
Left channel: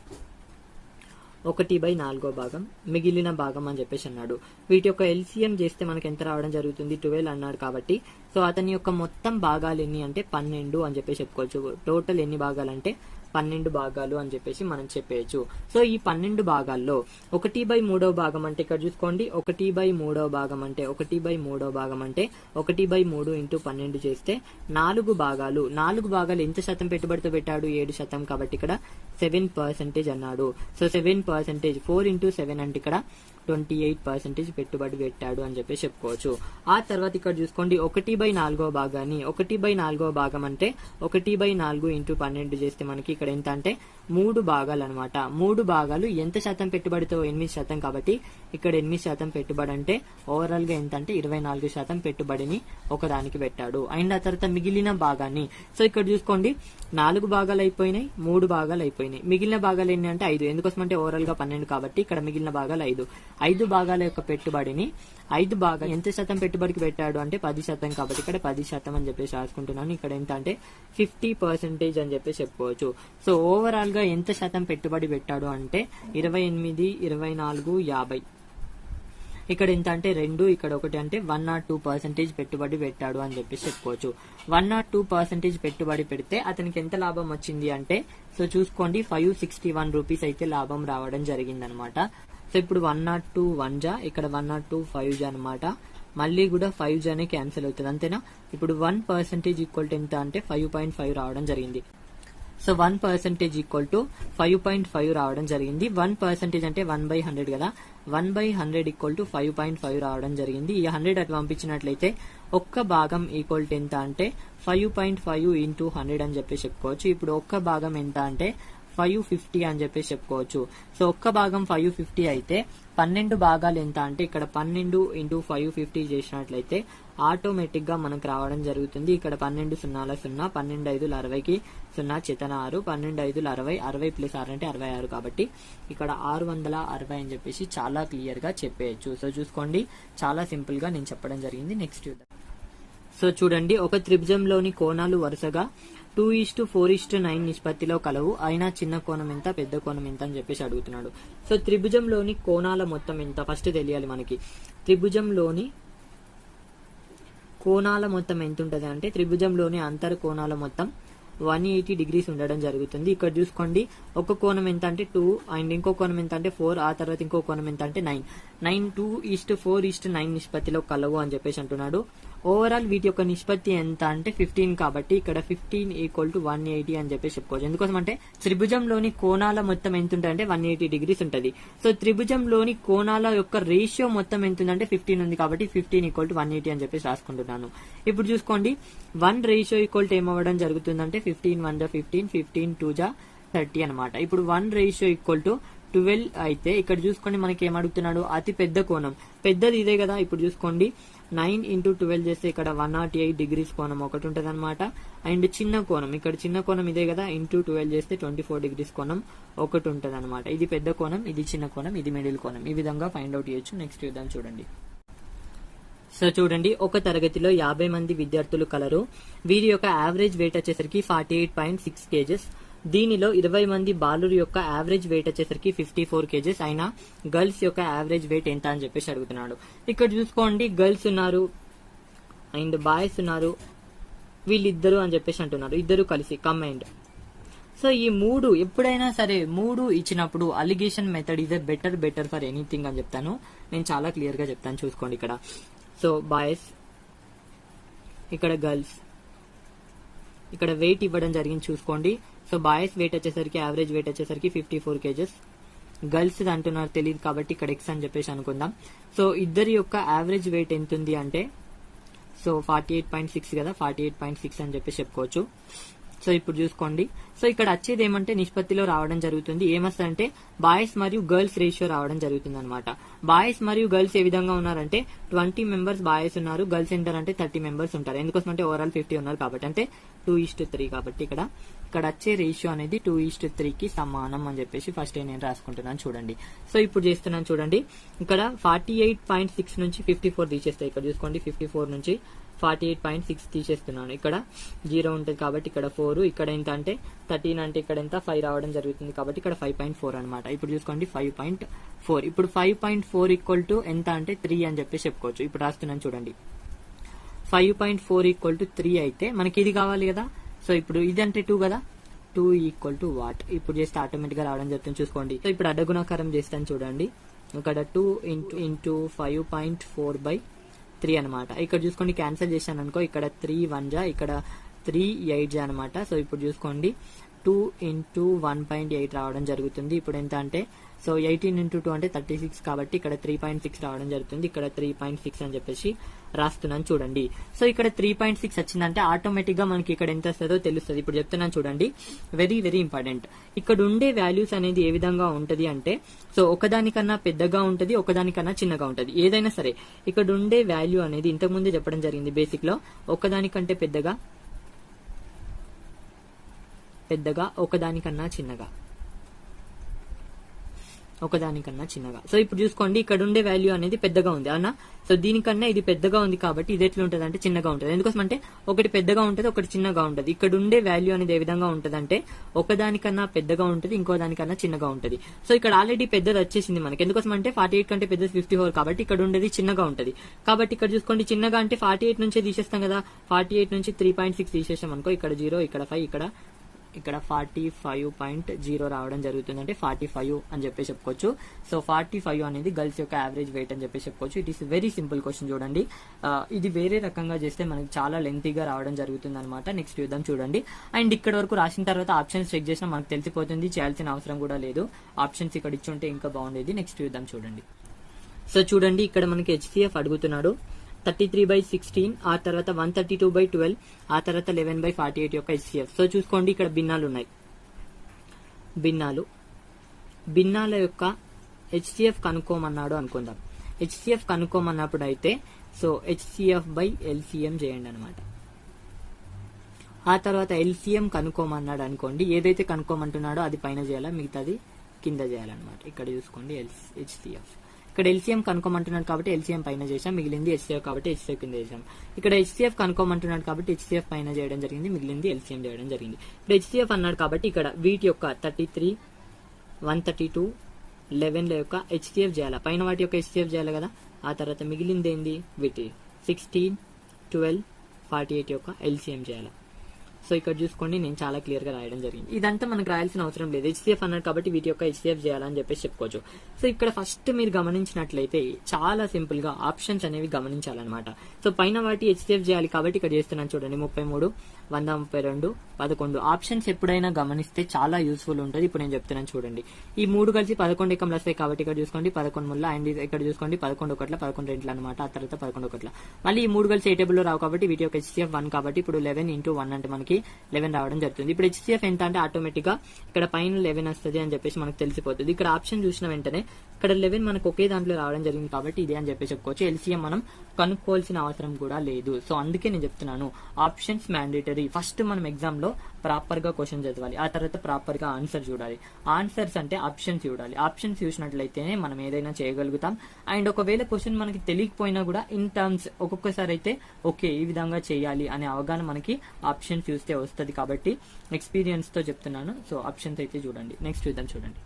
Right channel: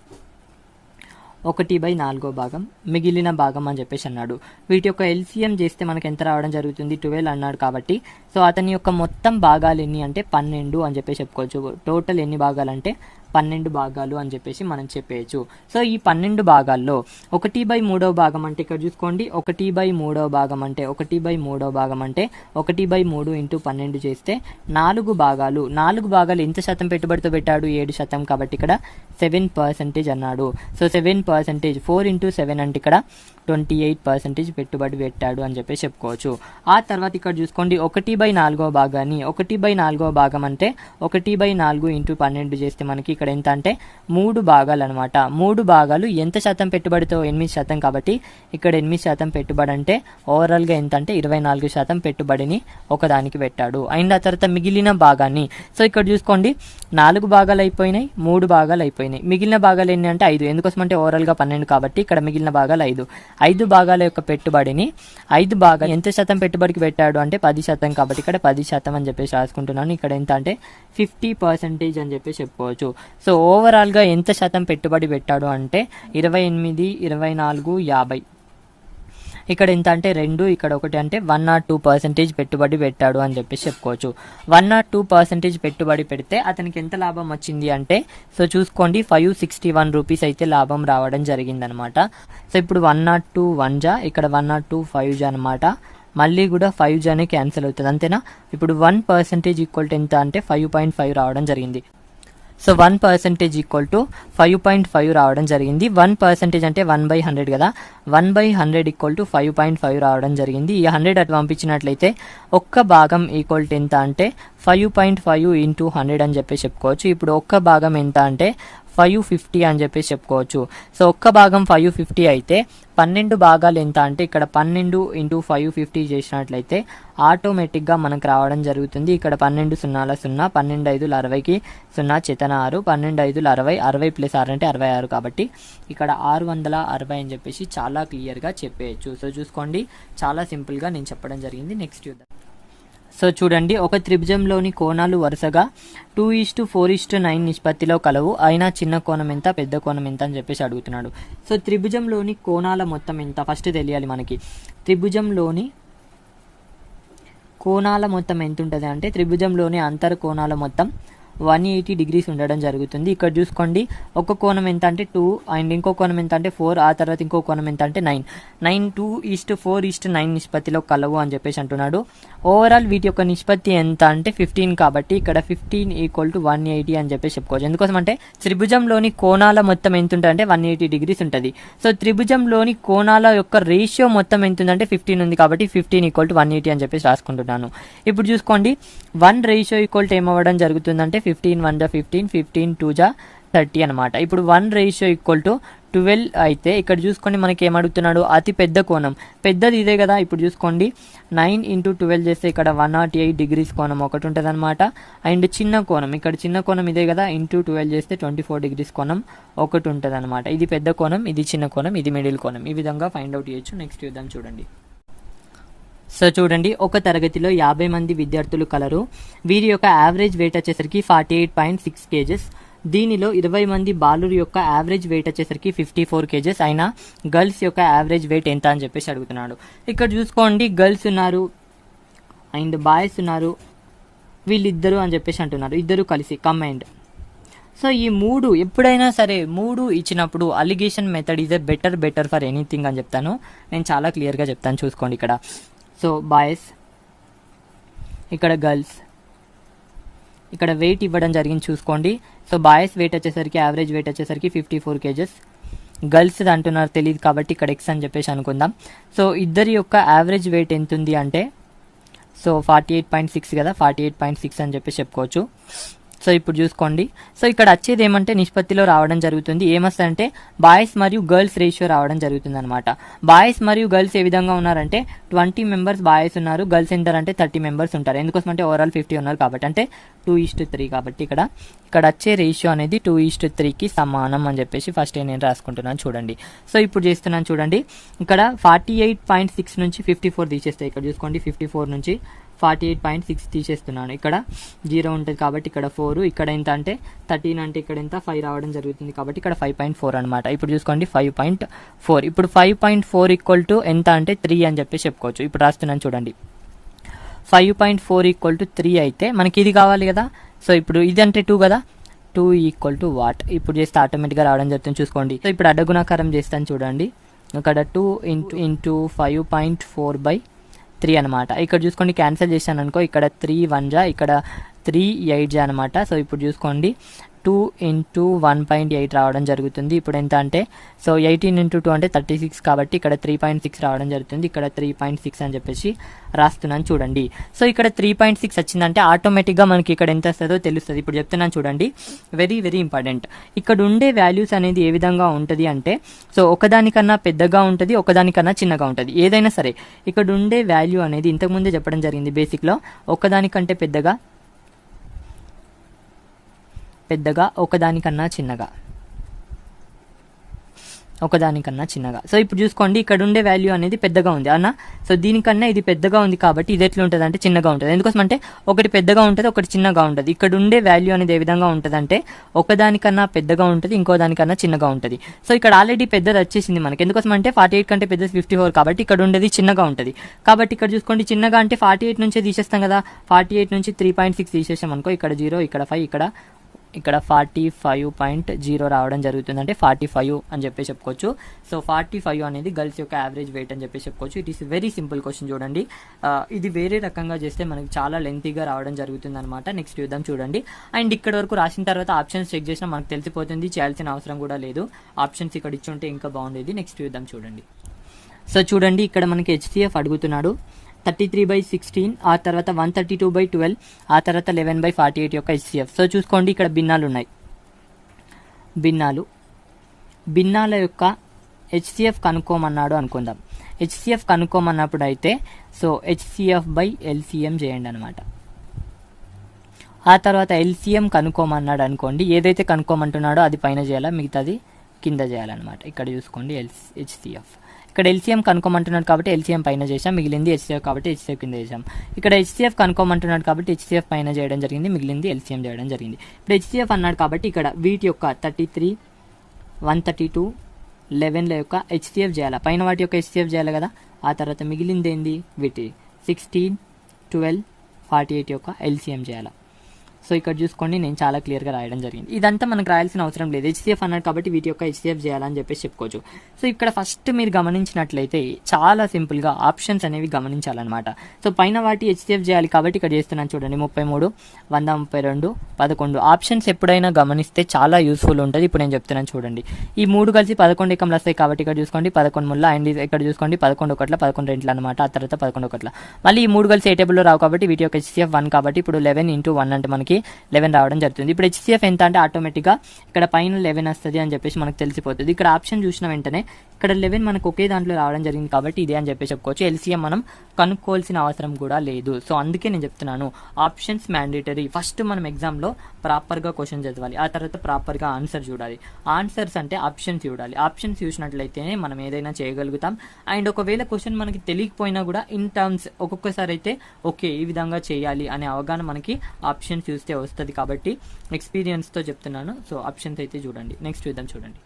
1/4వ భాగం, మిగిలిన భాగం అని చెప్పేసి అన్నాడు. వీటి యొక్క ఎల్సిఎం చేస్తే మనకి ఎంత రావడం జరుగుతుంది? 12 అన్నాడు కాబట్టి సో అతని యొక్క మొత్తం భాగాలు ఎన్ని అంటే 12 అని చెప్పేసి చెప్పుకోవచ్చు. టోటల్ ఎన్ని భాగాలు అంటే 12 భాగాలు అని చెప్పేసి మనం చెప్పేయచ్చు. సో ఈ 12 భాగాల్లో 1/3వ భాగం అంటే ఇక్కడ చూసుకోండి 1/3వ భాగం అంటే 1/3వ భాగం అంటే 1/3 × 12 చేస్తే 4 భాగాలు. 4 భాగాలు ఎంత శాతం పెట్టుబడితో పెట్టాడు? 7% కాబట్టి ఇక్కడ 7% అన్నాడు. సో 7%, 4 × 7 అంటే ఇక్కడ 28% పెట్టుబడి పెట్టాడు అని చెప్పేసి చెప్పుకోవచ్చు. ఆ తర్వాత ఇక్కడ చూసుకోండి 1/4వ భాగాన్ని, 1/4వ భాగం అంటే 1/4 × 12 చేస్తే మనకి ఇక్కడ ఎంత అంటే 3 భాగాలు అనమాట. 3 భాగాలు ఎంత శాతం పెట్టుబడితో? 8% కాబట్టి ఇక్కడ 8% పెట్టుబడి అంటే ఓవరాల్గా ఎంత అంటే 24% పెట్టుబడిని ఒకదానికి పెట్టాడు. అండ్ ఆ తర్వాత మిగిలిన భాగాన్ని, సో ఇక్కడ చూసుకోండి 4 భాగాలు అయిపోయినాయి, 3 భాగాలు అయిపోయినాయి. మిగిలిన భాగాలు ఎన్ని అంటే 5. ఎందుకోసం అంటే ఓవరాల్గా 12 కాబట్టి ఇక్కడ మిగిలిన భాగాలు 5. 5 భాగాల యొక్క పెట్టుబడిని 5 భాగాలు ఎంత శాతం పెట్టుబడికి పెట్టాడు అంటే 10% కాబట్టి ఇక్కడ 10% అని చెప్పేసి రాసుకుంటున్నాను. ఇక్కడ ఎంత అంటే 50% అని చెప్పేసి చెప్పుకోవచ్చు. సో ఓవరాల్గా ఎంత శాతం పెట్టుబడి పెట్టాడు అంటే 28, 24, 50. ఇక్కడ ఎంత అంటే 2, ఇక్కడ 1 అంటే 102% పెట్టుబడి పెట్టాడు అని చెప్పేసి చెప్పుకోవచ్చు. 102% పెట్టుబడి పెడితే అతనికి ఎంత లాభం వచ్చింది అంటే సో చూసుకోండి 561 రూపీస్ అయితే లాభం రావడం జరిగిందనమాట. సో ఇప్పుడు 102 1 జా, ఇక్కడ 102 5 జా అనమాట. మళ్ళీ కూడా 5 అనే క్యాన్సిల్ అవుతుంది అంతేనా. ఇప్పుడు 1% ఈక్వల్ టు ఎంత అంటే 5.5 రావడం జరిగింది. సో 1% ఈక్వల్ టు 5.5 రావడం జరిగింది. 1% అంటే 1/100 కదా, 1/100 ఈక్వల్ టు 5.5 రావడం జరిగింది. ఈ 100 అటు పంపించినట్లయితే ఒక్క భాగం ఈక్వల్ టు ఎంత అంటే 5.5 ఇంటూ 100 అని చెప్పేసి చెప్పుకోవచ్చు. ఇప్పుడు ఒక్క భాగం ఎంత అంటే 550 అని చెప్పేసి చెప్పుకోవచ్చు. సో ఒక్క భాగం 550 అయితే 12 భాగాలు ఎంత అంటే ఇక్కడ 12 ఇంటూ 550 చేసినట్లయితే ఆటోమేటిక్గా మనకు రావడం జరుగుతుంది. ఇక్కడ 12 0 0, 12 5 60కి 0 చేతన 6, 12 5 60, 60 ప్లస్ 6 అంటే 66 కాబట్టి ఇక్కడ 660 అని చెప్పేసి చాలా క్లియర్గా చెప్పేయచ్చు. సో చూసుకోండి, చాలా సింపుల్గా నేను చెప్పడం జరిగింది. నెక్స్ట్ చూద్దాం. సో చూడండి, ఒక త్రిభుజంలోని కోణాలు వరుసగా 2:4:9 నిష్పత్తిలో కలవు. అయినా చిన్న కోణం ఎంత, పెద్ద కోణం ఎంత అని చెప్పేసి అడుగుతున్నాడు. సో త్రిభుజంలోని కోణాల మొత్తం ఎంత ఫస్ట్ తెలియాలి మనకి. త్రిభుజంలోని కోణాల మొత్తం ఎంత ఉంటుంది అంటే త్రిభుజంలోని అంతర్ కోణాల మొత్తం 180 డిగ్రీస్ ఉండడం జరుగుతుంది. ఇక్కడ చూసుకోండి, ఒక కోణం ఎంత అంటే 2 అండ్ ఇంకో కోణం ఎంత అంటే 4, ఆ తర్వాత ఇంకో కోణం ఎంత అంటే 9. 2:4:9 నిష్పత్తిలో కలవు అని చెప్పేసి అంటున్నాడు. ఓవరాల్ వీటి యొక్క నిష్పత్తి ఎంత అంటే 15 కాబట్టి ఇక్కడ 15 ఈక్వల్ టు 180 అని చెప్పేసి చెప్పుకోవచ్చు. ఎందుకోసం అంటే త్రిభుజంలోని కోణాల మొత్తం ఎంత ఉంటుంది అంటే 180 డిగ్రీస్ ఉంటుంది. సో త్రిభుజంలోని కోణాల యొక్క రేషియో మొత్తం ఎంత ఉందంటే 15 ఉంది కాబట్టి 15 ఈక్వల్ టు 180 అని చెప్పేసి రాసుకుంటున్నాను. ఇప్పుడు చూసుకోండి, 1 రేషియో ఈక్వల్ టు ఏమవ్వడం జరుగుతుందంటే 15 1 15, 15 2 30 అనమాట. ఇప్పుడు 1 రేషియో ఈక్వల్ టు 12 అయితే ఇక్కడ చూసుకోండి మనకి ఏమడుగుతున్నాడు, అతి పెద్ద కోణం పెద్దది ఇదే కదా. ఇప్పుడు చూసుకోండి 9 ఇంటూ 12 చేస్తే ఇక్కడ 108 డిగ్రీస్ కోణం ఒకటి ఉంటుంది అనమాట. అండ్ చిన్న కోణం, ఇక్కడ చిన్న కోణం ఇదే కదా, ఇంటూ 12 చేస్తే 24 డిగ్రీస్ కోణం ఒకటి ఉంటుంది అనమాట. ఇది పెద్ద కోణం, ఇది చిన్న కోణం, ఇది మిడిల్ కోణం. ఈ విధంగా ఫైండ్ అవుట్ చేయొచ్చు. నెక్స్ట్ చూద్దాం. చూడండి, సో చూడండి, ఒక తరగతిలో 50 మంది విద్యార్థులు కలరు. వీరి యొక్క యావరేజ్ వెయిట్ వచ్చేసరికి 48.6 kgs. దీనిలో 20 మంది బాలురు యొక్క యావరేజ్ వెయిట్ వచ్చేసరికి 54 kgs. అయినా గర్ల్స్ యొక్క యావరేజ్ వెయిట్ ఎంత అని చెప్పేసి అడుగుతున్నాడు. ఇక్కడ చూసుకోండి, గర్ల్స్ ఉన్నారు అండ్ బాయ్స్ ఉన్నారు, వీళ్ళిద్దరు అని చెప్పేసి అంటున్నారు, ఇద్దరు కలిసి కంబైన్డ్. సో ఈ మూడు ఎప్పుడైనా సరే 3 ఇచ్చినప్పుడు alligation method is a better for anything అని చెప్తాను. నేను చాలా క్లియర్గా చెప్తాను, చూసుకోండి ఇక్కడ. సో బాయ్స్, ఇక్కడ గర్ల్స్, ఇక్కడ వెయిట్ ఇవ్వడం జరిగింది చూసుకోండి. సో బాయ్స్ వెయిట్ వచ్చేసరికి యావరేజ్ వెయిట్ వచ్చేసరికి 54 kgs. గర్ల్స్ అంటున్నారు తెలియదు కాబట్టి ఇక్కడ ఎక్స్ అని చెప్పేసి అనుకుందాం. సో ఇద్దరి యొక్క యావరేజ్ వెయిట్ ఎంత ఉంది అంటే సో 48.6 కదా, 48.6 అని చెప్పేసి చెప్పుకోవచ్చు. సో ఇప్పుడు చూసుకోండి, సో ఇక్కడ వచ్చేది ఏమంటే నిష్పత్తిలో రావడం జరుగుతుంది. ఏమొస్తుందంటే బాయ్స్ మరియు గర్ల్స్ రేషియో రావడం జరుగుతుంది అనమాట. బాయ్స్ మరియు గర్ల్స్ ఏ విధంగా ఉన్నారంటే 20 మెంబర్స్ బాయ్స్ ఉన్నారు, గర్ల్స్ ఎంత అంటే 30 మెంబర్స్ ఉంటారు. ఎందుకోసం అంటే ఓవరాల్ 50 ఉన్నారు కాబట్టి, అంటే 2:3 కాబట్టి ఇక్కడ వచ్చే రేషియో అనేది 2:3కి సమానం అని చెప్పేసి ఫస్ట్ నేను రాసుకుంటున్నాను. చూడండి, సో ఇప్పుడు చేస్తున్నాను చూడండి, ఇక్కడ 48.6 నుంచి 54 తీసేస్తాయి. ఇక్కడ చూసుకోండి, 54 నుంచి 48.6 తీసేస్తున్నాను. ఇక్కడ 0 ఉంటుంది కాబట్టి ఇక్కడ 4, ఇక్కడ ఎంత అంటే 13 అంటే ఇక్కడ ఎంత 5 రావడం జరుగుతుంది కాబట్టి ఇక్కడ 5.4 అనమాట. ఇప్పుడు చూసుకోండి 5.4. ఇప్పుడు 5.4 ఈక్వల్ టు ఎంత అంటే 3 అని చెప్పేసి చెప్పుకోవచ్చు. ఇప్పుడు రాస్తున్నాను చూడండి, 5.4 ఈక్వల్ టు 3 అయితే మనకి ఇది కావాలి కదా. సో ఇప్పుడు ఇది అంటే 2 కదా, 2 ఈక్వల్ టు వాట్. ఇప్పుడు చేస్తే ఆటోమేటిక్గా రావడం జరుగుతుంది చూసుకోండి. సో ఇప్పుడు అడ్డగుణాకారం చేస్తాను చూడండి, ఇక్కడ 2 ఇంటూ 5.4/3 అనమాట. ఇక్కడ చూసుకోండి, క్యాన్సిల్ చేశాను అనుకో, ఇక్కడ 3 1 ఇక్కడ 3 8 అనమాట. సో ఇప్పుడు చూసుకోండి 2 ఇంటూ 1.8 రావడం జరుగుతుంది. ఇప్పుడు ఎంత అంటే సో 18 ఇంటూ 2 అంటే 36 కాబట్టి ఇక్కడ 3.6 రావడం జరుగుతుంది. ఇక్కడ 3.6 అని చెప్పేసి రాస్తున్నాను చూడండి. సో ఇక్కడ 3.6 వచ్చిందంటే ఆటోమేటిక్గా మనకి ఇక్కడ ఎంత వస్తుందో తెలుస్తుంది. ఇప్పుడు చెప్తున్నాను చూడండి, వెరీ ఇంపార్టెంట్. ఇక్కడ ఉండే వాల్యూస్ అనేది ఏ విధంగా ఉంటుంది అంటే సో ఒకదానికన్నా పెద్దగా ఉంటుంది, ఒకదానికన్నా చిన్నగా ఉంటుంది. ఏదైనా సరే ఇక్కడ ఉండే వాల్యూ అనేది ఇంతకుముందే చెప్పడం జరిగింది బేసిక్లో, ఒకదానికంటే పెద్దగా, ఒకదానికన్నా చిన్నగా. సో ఇప్పుడు చూసుకోండి, ఇక్కడ ఉండే వాల్యూ అనేది పెద్దగా ఉంది అన్న. సో దీనికన్నా ఇది పెద్దగా ఉంది కాబట్టి ఇది ఎట్లా ఉంటుంది అంటే చిన్నగా ఉంటుంది. ఎందుకోసం అంటే ఒకటి పెద్దగా ఉంటుంది, ఒకటి చిన్నగా ఉంటుంది. ఇక్కడ ఉండే వాల్యూ అనేది ఏ విధంగా ఉంటుంది అంటే ఒకదానికన్నా పెద్దగా ఉంటుంది, ఇంకో దానికన్నా చిన్నగా ఉంటుంది. సో ఇక్కడ ఆల్రెడీ పెద్దది వచ్చేసింది మనకి. ఎందుకోసం అంటే 48 కంటే పెద్దది 54 కాబట్టి ఇక్కడ ఉండేది చిన్నగా ఉంటుంది. కాబట్టి ఇక్కడ చూసుకోండి, చిన్నగా అంటే 48 నుంచే తీసేస్తాం కదా. 48 నుంచి 3.6 తీసేసాం అనుకో, ఇక్కడ 0, ఇక్కడ 5, ఇక్కడ ఇక్కడ 45.0 రావడం జరుగుతుంది, అంటే 45 అని చెప్పి చెప్పుకోవచ్చు. సో 45 అనేది గర్ల్స్ యొక్క యావరేజ్ వెయిట్ అని చెప్పి చెప్పుకోవచ్చు. It is very simple question చూడండి. ఇది వేరే రకంగా చేస్తే మనకి చాలా లెంతీగా రావడం జరుగుతుంది అనమాట. నెక్స్ట్ చూద్దాం చూడండి. అండ్ ఇక్కడ వరకు రాసిన తర్వాత ఆప్షన్స్ చెక్ చేసినా మనకు తెలిసిపోతుంది, చేయాల్సిన అవసరం కూడా లేదు. ఆప్షన్స్ ఇక్కడ ఇచ్చి ఉంటే ఇంకా బాగుండేది. నెక్స్ట్ చూద్దాం చూడండి. సో చూడండి, ఇక్కడ మనకి హెచ్సిఎఫ్ అడుగుతున్నాడు. 33/16, ఆ తర్వాత 132/12, ఆ తర్వాత 11/48 యొక్క హెచ్సిఎఫ్. సో చూసుకోండి, ఇక్కడ భిన్నాలు ఉన్నాయి. భిన్నాల యొక్క హెచ్సిఎఫ్ కనుక్కోమన్నాడు అనుకుందాం. హెచ్సిఎఫ్ కనుక్కోమన్నప్పుడు అయితే సో HCF/LCM చేయండి అనమాట. ఆ తర్వాత LCM కనుక్కోమన్నాడు అనుకోండి, ఏదైతే కనుక్కోమంటున్నాడో అది పైన చేయాలా, మిగతాది కింద చేయాలన్నమాట. ఇక్కడ చూసుకోండి HCF. ఇక్కడ LCM కనుక్కోమంటున్నాడు కాబట్టి LCM పైన చేసాం, మిగిలింది HCF కాబట్టి HCF కింద చేసాం. ఇక్కడ HCF కనుక్కోమంటున్నాడు కాబట్టి HCF పైన చేయడం జరిగింది, మిగిలింది LCM చేయడం జరిగింది. ఇప్పుడు HCF అన్నాడు కాబట్టి ఇక్కడ వీటి యొక్క 33, 132, 11ల యొక్క HCF చేయాలి, పైన వాటి యొక్క HCF చేయాలి కదా. ఆ తర్వాత మిగిలింది ఏంది, వీటి 16, 12, 48 యొక్క LCM చేయాలి. సో ఇక్కడ చూసుకోండి, నేను చాలా క్లియర్గా రాయడం జరిగింది. ఇదంతా మనకు రాయాల్సిన అవసరం లేదు, HCF అన్నాడు కాబట్టి వీటి యొక్క HCF చేయాలని చెప్పేసి చెప్పుకోవచ్చు. సో ఇక్కడ ఫస్ట్ మీరు గమనించినట్లయితే చాలా సింపుల్గా ఆప్షన్స్ అనేవి గమనించాలన్నమాట. సో పైన వాటి HCF చేయాలి కాబట్టి ఇక్కడ చేస్తున్నాను చూడండి. 33, 132, 11 ఆప్షన్స్ ఎప్పుడైనా గమనిస్తే చాలా యూస్ఫుల్ ఉంటుంది. ఇప్పుడు నేను చెప్తున్నాను చూడండి. ఈ 3 కలిసి 11 ఎకంలు వస్తాయి కాబట్టి ఇక్కడ చూసుకోండి 11 ముళ్ళ, అండ్ ఇక్కడ చూసుకోండి 11 ఒకట్ల, 11 రెంట్ల అనమాట. ఆ తర్వాత 11 ఒకట్ల, మళ్ళీ ఈ 3 కలిసి ఏ టేబుల్లో రావు కాబట్టి వీటి యొక్క HCF 1 కాబట్టి ఇప్పుడు 11 × 1 అంటే మనకి 11 రావడం జరుగుతుంది. ఇప్పుడు HCF ఎంత అంటే ఆటోమేటిక్గా ఇక్కడ పైన 11 వస్తుంది అని చెప్పేసి మనకు తెలిసిపోతుంది. ఇక్కడ ఆప్షన్ చూసిన వెంటనే ఇక్కడ 11 మనకు ఒకే దాంట్లో రావడం జరిగింది కాబట్టి ఇదే అని చెప్పేసి చెప్పుకోవచ్చు. LCM మనం కనుక్కోవాల్సిన అవసరం కూడా లేదు. సో అందుకే నేను చెప్తున్నాను ఆప్షన్స్ మ్యాండేటరీ. ఫస్ట్ మనం ఎగ్జామ్లో ప్రాపర్గా క్వశ్చన్ చదవాలి, ఆ తర్వాత ప్రాపర్గా ఆన్సర్ చూడాలి. ఆన్సర్స్ అంటే ఆప్షన్స్ చూడాలి. ఆప్షన్స్ చూసినట్లయితేనే మనం ఏదైనా చేయగలుగుతాం. అండ్ ఒకవేళ క్వశ్చన్ మనకి తెలియకపోయినా కూడా ఇన్ టర్మ్స్ ఒక్కొక్కసారి అయితే ఓకే ఈ విధంగా చేయాలి అనే అవగాహన మనకి ఆప్షన్స్ చూస్తే వస్తుంది కాబట్టి ఎక్స్పీరియన్స్తో చెప్తున్నాను. సో ఆప్షన్స్ అయితే చూడండి. నెక్స్ట్ చూద్దాం చూడండి.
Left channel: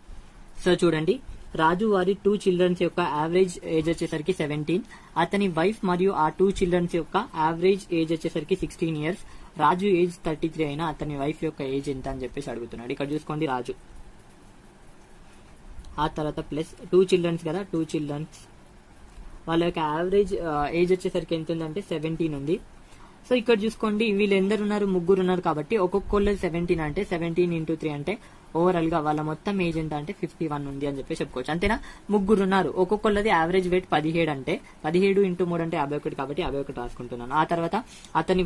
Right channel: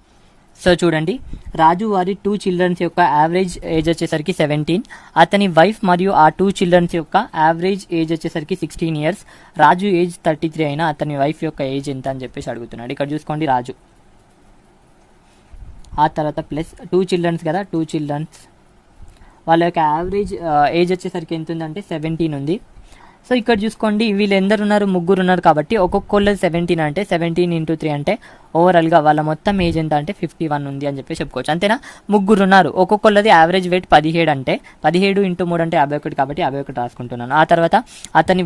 సో చూడండి, రాజు వారి 2 చిల్డ్రన్స్ యొక్క యావరేజ్ ఏజ్ వచ్చేసరికి 17, అతని వైఫ్ మరియు ఆ 2 చిల్డ్రన్స్ యొక్క యావరేజ్ ఏజ్ వచ్చేసరికి 16 ఇయర్స్. రాజు ఏజ్ 33 అయినా అతని వైఫ్ యొక్క ఏజ్ ఎంత అని చెప్పేసి అడుగుతున్నాడు. ఇక్కడ చూసుకోండి రాజు, ఆ తర్వాత ప్లస్ 2 చిల్డ్రన్స్ కదా, 2 చిల్డ్రన్స్ వాళ్ళ యొక్క యావరేజ్ ఏజ్ వచ్చేసరికి ఎంత ఉందంటే 17 ఉంది. సో ఇక్కడ చూసుకోండి వీళ్ళు ఎందరు ఉన్నారు, 3 ఉన్నారు కాబట్టి ఒక్కొక్కళ్ళు 17 అంటే 17 × 3 అంటే ఓవరాల్గా వాళ్ళ మొత్తం ఏజ్ ఎంత అంటే 51 ఉంది అని చెప్పి చెప్పుకోవచ్చు. అంతేనా, 3 ఉన్నారు, ఒక్కొక్కళ్ళది యావరేజ్ వెయిట్ 17 అంటే 17 × 3 అంటే 51 కాబట్టి 51 రాసుకుంటున్నాను. ఆ తర్వాత అతని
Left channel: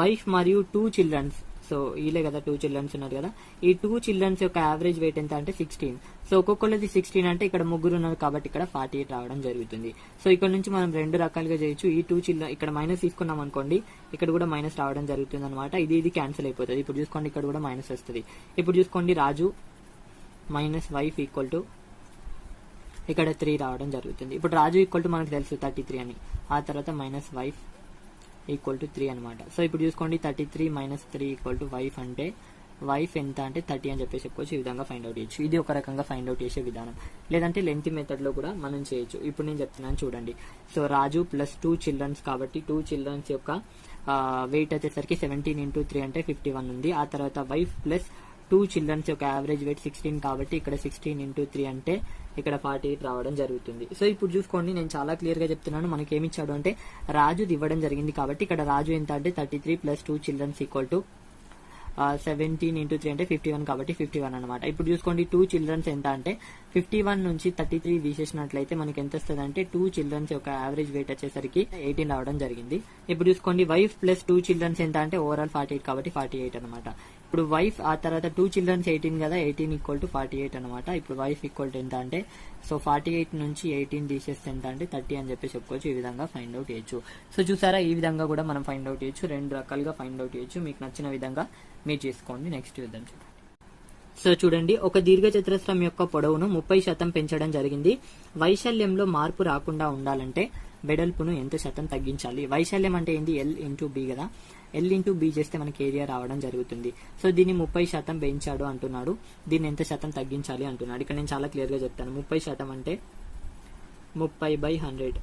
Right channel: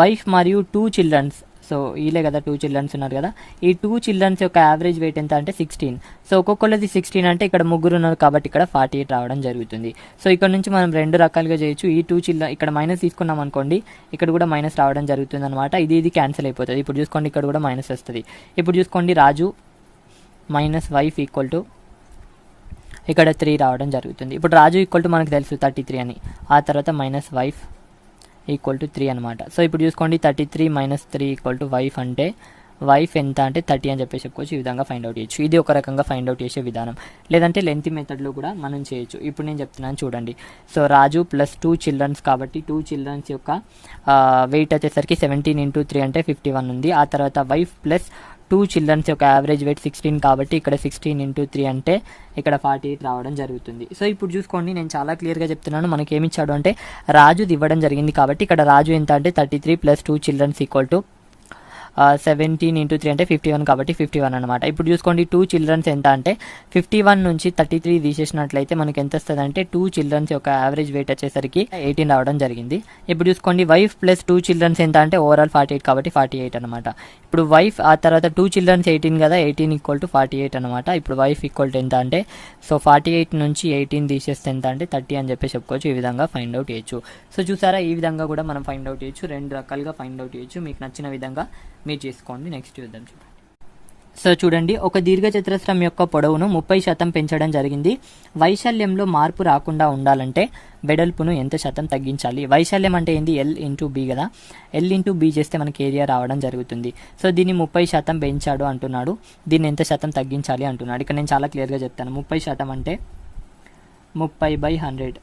వైఫ్ మరియు 2 చిల్డ్రన్స్, సో వీళ్ళే కదా 2 చిల్డ్రన్స్ ఉన్నారు కదా, ఈ 2 చిల్డ్రన్స్ యొక్క యావరేజ్ వెయిట్ ఎంత అంటే 16. సో ఒక్కొక్కళ్ళది 16 అంటే ఇక్కడ 3 ఉన్నారు కాబట్టి ఇక్కడ 48 రావడం జరుగుతుంది. సో ఇక్కడ నుంచి మనం 2 రకాలుగా చేయొచ్చు. ఈ 2 చిల్డ్రన్ ఇక్కడ మైనస్ తీసుకున్నాం అనుకోండి, ఇక్కడ కూడా మైనస్ రావడం జరుగుతుంది అనమాట. ఇది క్యాన్సిల్ అయిపోతుంది. ఇప్పుడు చూసుకోండి ఇక్కడ కూడా మైనస్ వస్తుంది. ఇప్పుడు చూసుకోండి రాజు మైనస్ వైఫ్ ఈక్వల్ టు ఇక్కడ 3 రావడం జరుగుతుంది. ఇప్పుడు రాజు ఈక్వల్ టు మనకు తెలుసు 33 అని, ఆ తర్వాత మైనస్ వైఫ్ ఈక్వల్ టు 3 అనమాట. సో ఇప్పుడు చూసుకోండి 33 - 3 ఈక్వల్ టు వైఫ్ అంటే వైఫ్ ఎంత అంటే 30 అని చెప్పేసి చెప్పుకోవచ్చు. ఈ విధంగా ఫైండ్ అవుట్ చేయొచ్చు. ఇది ఒక రకంగా ఫైండ్ అవుట్ చేసే విధానం, లేదంటే లెంత్ మెథడ్లో కూడా మనం చేయొచ్చు. ఇప్పుడు నేను చెప్తున్నాను చూడండి. సో రాజు ప్లస్ 2 చిల్డ్రన్స్ కాబట్టి 2 చిల్డ్రన్స్ యొక్క వెయిట్ వచ్చేసరికి 17 × 3 అంటే 51 ఉంది. ఆ తర్వాత వైఫ్ ప్లస్ 2 చిల్డ్రన్స్ యొక్క యావరేజ్ వెయిట్ 16 కాబట్టి ఇక్కడ 16 × 3 అంటే ఇక్కడ 48 రావడం జరుగుతుంది. సో ఇప్పుడు చూసుకోండి నేను చాలా క్లియర్గా చెప్తున్నాను. మనకి ఏమి ఇచ్చాడు అంటే రాజుది ఇవ్వడం జరిగింది కాబట్టి ఇక్కడ రాజు ఎంత అంటే 33 + 2 చిల్డ్రన్స్ ఈక్వల్ టు 17 × 3 అంటే 51 కాబట్టి 51 అనమాట. ఇప్పుడు చూసుకోండి 2 చిల్డ్రన్స్ ఎంత అంటే 51 నుంచి 33 తీసేసినట్లయితే మనకి ఎంత వస్తుంది అంటే 2 చిల్డ్రన్స్ యొక్క యావరేజ్ వెయిట్ వచ్చేసరికి 18 రావడం జరిగింది. ఇప్పుడు చూసుకోండి వైఫ్ ప్లస్ 2 చిల్డ్రన్స్ ఎంత అంటే ఓవరాల్ 48 కాబట్టి 48 అనమాట. ఇప్పుడు వైఫ్ ఆ తర్వాత 2 చిల్డ్రన్స్ 18 కదా, 18 ఈక్వల్ టు 48 అనమాట. ఇప్పుడు వైఫ్ ఈక్వల్ టు ఎంత అంటే సో 48 నుంచి 18 తీసేస్తే ఎంత అంటే 30 అని చెప్పి చెప్పుకోవచ్చు. ఈ విధంగా ఫైండ్ అవుట్ చేయొచ్చు. సో చూసారా, ఈ విధంగా కూడా మనం ఫైండ్ అవుట్ చేయొచ్చు. 2 రకాలుగా ఫైండ్ అవుట్ చేయొచ్చు. మీకు నచ్చిన విధంగా మీరు చేసుకోండి. నెక్స్ట్ చూద్దాం. సో చూడండి, ఒక దీర్ఘచతురస్రం యొక్క పొడవును 30% పెంచడం జరిగింది. వైశాల్యంలో మార్పు రాకుండా ఉండాలంటే వెడల్పును ఎంత శాతం తగ్గించాలి? వైశాల్యం అంటే ఏంది? L × B కదా, L × B చేస్తే మనకి ఏరియా రావడం జరుగుతుంది. సో దీన్ని 30% పెంచాడు అంటున్నాడు, దీన్ని ఎంత శాతం తగ్గించాలి అంటున్నాడు. ఇక్కడ నేను చాలా క్లియర్గా చెప్తాను. 30% అంటే 30/100